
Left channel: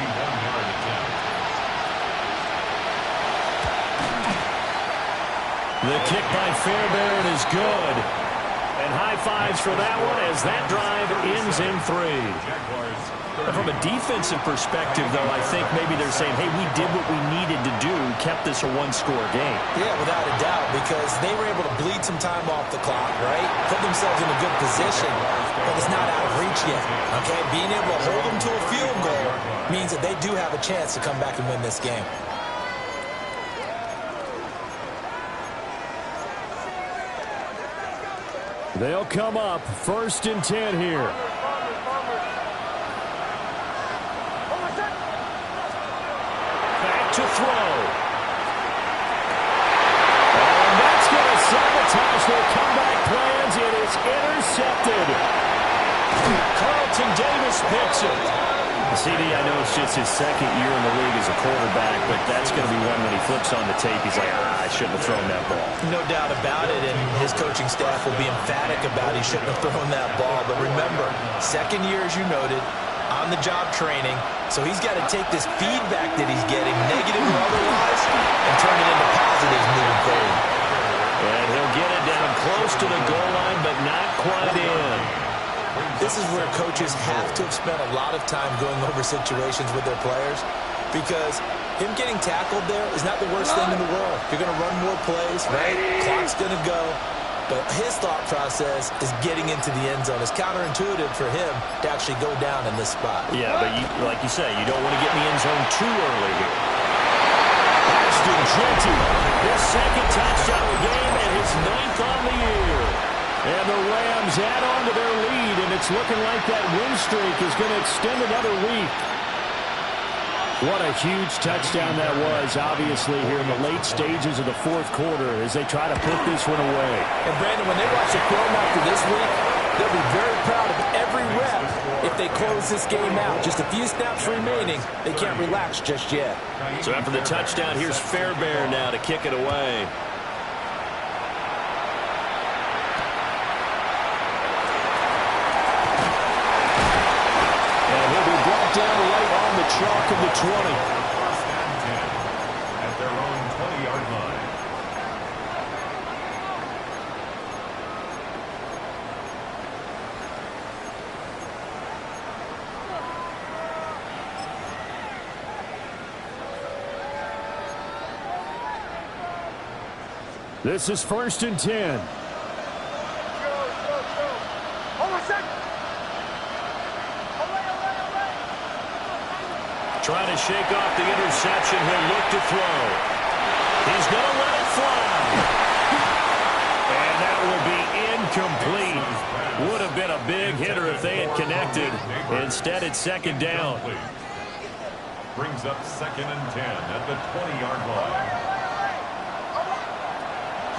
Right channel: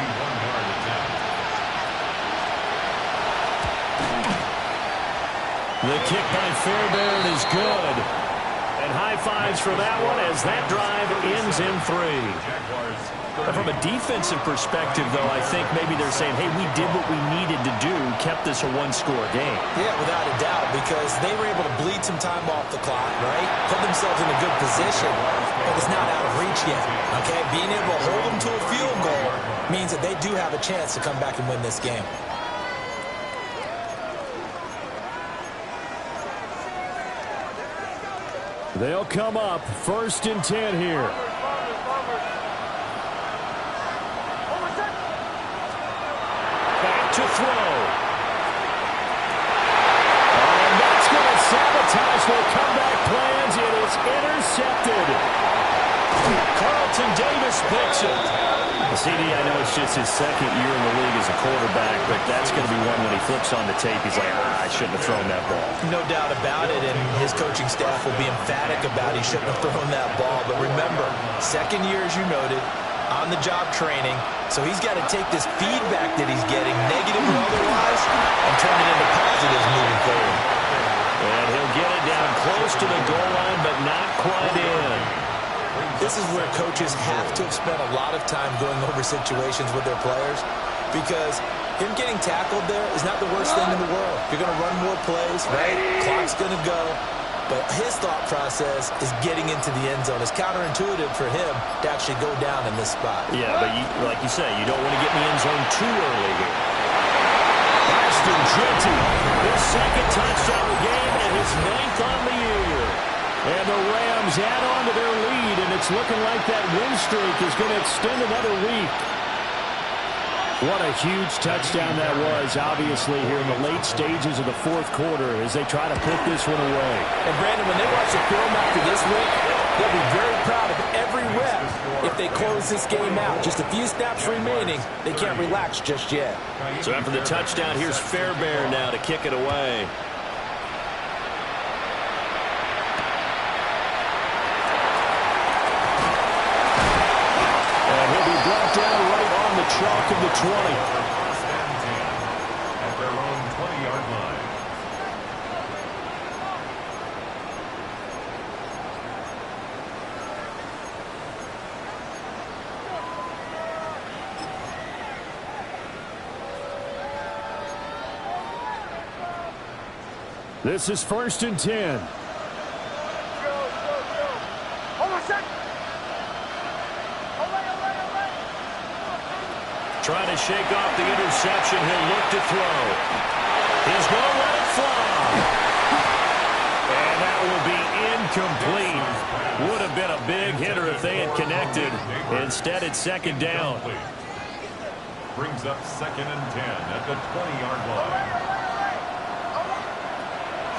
The kick by Fairbairn is good. And high fives for that one as that drive ends in 3. But from a defensive perspective, though, I think maybe they're saying, hey, we did what we needed to do, kept this a 1-score game. Yeah, without a doubt, because they were able to bleed some time off the clock, right? Put themselves in a good position, but it's not out of reach yet, okay? Being able to hold them to a field goal means that they do have a chance to come back and win this game. They'll come up 1st and 10 here. Back to throw. And that's going to sabotage their comeback plans. It is intercepted. Carlton Davis picks it. CD, I know it's just his 2nd year in the league as a quarterback, but that's going to be one when he flips on the tape. He's like, I shouldn't have thrown that ball. No doubt about it, and his coaching staff will be emphatic about he shouldn't have thrown that ball. But remember, 2nd year, as you noted, on-the-job training, so he's got to take this feedback that he's getting, negative or otherwise, and turn it into positives moving forward. And he'll get it down close to the goal line, but not quite in. This is where coaches have to have spent a lot of time going over situations with their players, because him getting tackled there is not the worst thing in the world. You're going to run more plays, right? Clock's going to go. But his thought process is getting into the end zone. It's counterintuitive for him to actually go down in this spot. Yeah, but like you say, you don't want to get in the end zone too early here. Ashton Jeanty, his 2nd touchdown of the game and his 9th on the year. And the Rams add on to their lead, and it's looking like that win streak is going to extend another week. What a huge touchdown that was, obviously, here in the late stages of the 4th quarter as they try to put this one away. And, Brandon, when they watch the film after this week, they'll be very proud of every rep if they close this game out. Just a few snaps remaining. They can't relax just yet. So after the touchdown, here's Fairbairn now to kick it away. Brought down right on the chalk of the 20. 1st and 10 at their own 20-yard line. This is 1st and 10. Trying to shake off the interception. He'll look to throw. He's going to let it fly. And that will be incomplete. Would have been a big hitter if they had connected. Instead, it's 2nd down. Brings up 2nd and 10 at the 20-yard line.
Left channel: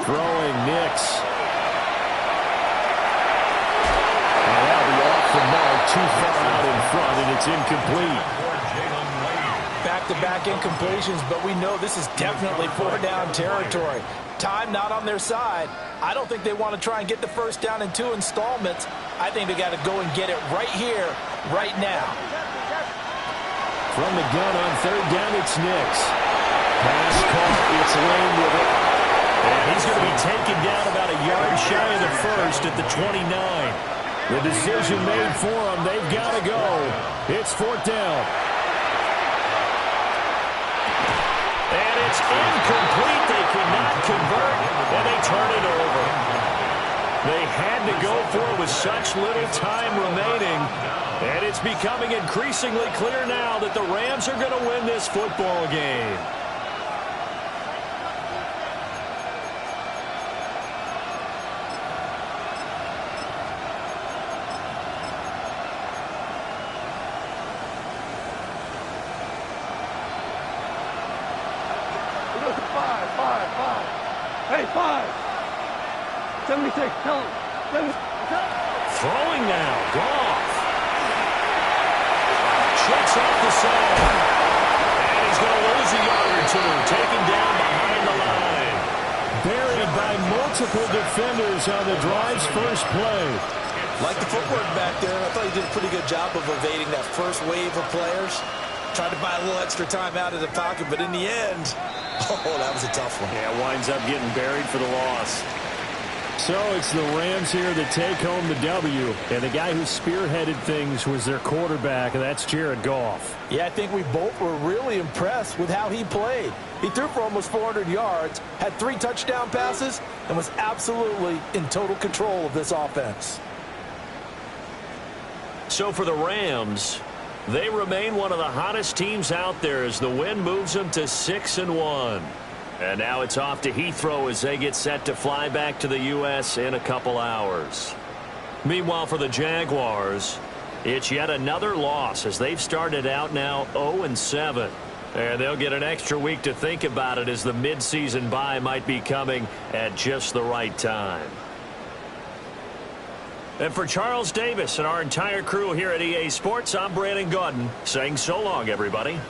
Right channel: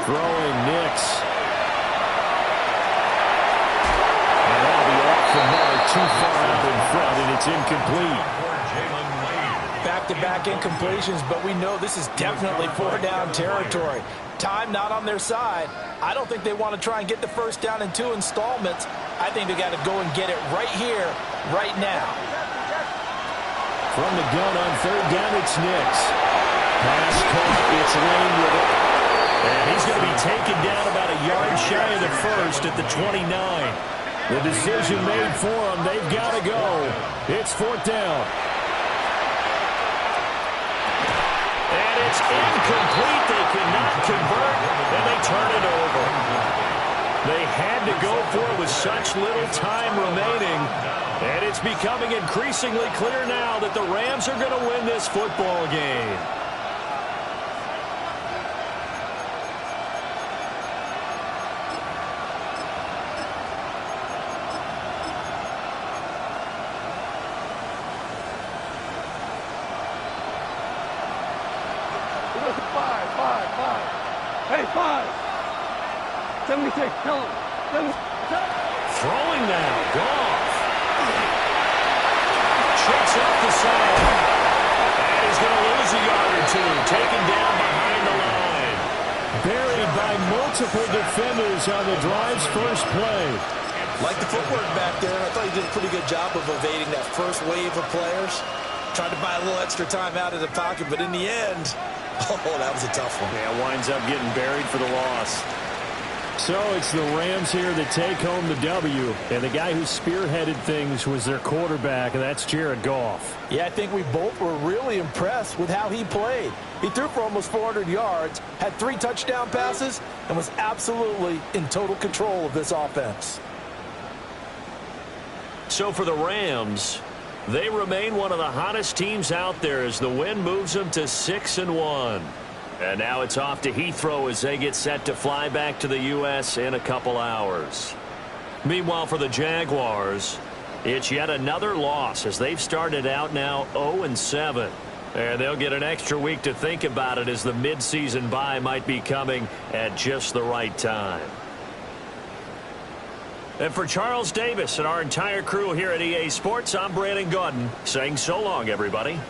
Throwing Nix. And that'll be off the mark, too far out in front, and it's incomplete. Back-to-back incompletions, but we know this is definitely 4-down territory. Time not on their side. I don't think they want to try and get the 1st down in 2 installments. I think they got to go and get it right here, right now. From the gun on 3rd down, it's Nix. Pass caught, it's Lane with it. And he's going to be taken down about a yard shy of the 1st at the 29. The decision made for them. They've got to go. It's 4th down. And it's incomplete. They cannot convert, and they turn it over. They had to go for it with such little time remaining. And it's becoming increasingly clear now that the Rams are going to win this football game. Hey, 5. 76, tell him. 76. Throwing now, Goff. Checks off the side. And he's going to lose a yard or 2. Taken down behind the line. Buried by multiple defenders on the drive's first play. Like the footwork back there, I thought he did a pretty good job of evading that first wave of players. Tried to buy a little extra time out of the pocket, but in the end, oh, that was a tough one. Yeah, winds up getting buried for the loss. So it's the Rams here that take home the W. And the guy who spearheaded things was their quarterback, and that's Jared Goff. Yeah, I think we both were really impressed with how he played. He threw for almost 400 yards, had 3 touchdown passes, and was absolutely in total control of this offense. So for the Rams, they remain one of the hottest teams out there as the win moves them to 6-1. And now it's off to Heathrow as they get set to fly back to the U.S. in a couple hours. Meanwhile, for the Jaguars, it's yet another loss as they've started out now 0-7. And they'll get an extra week to think about it as the midseason bye might be coming at just the right time. And for Charles Davis and our entire crew here at EA Sports, I'm Brandon Gaudin saying so long, everybody.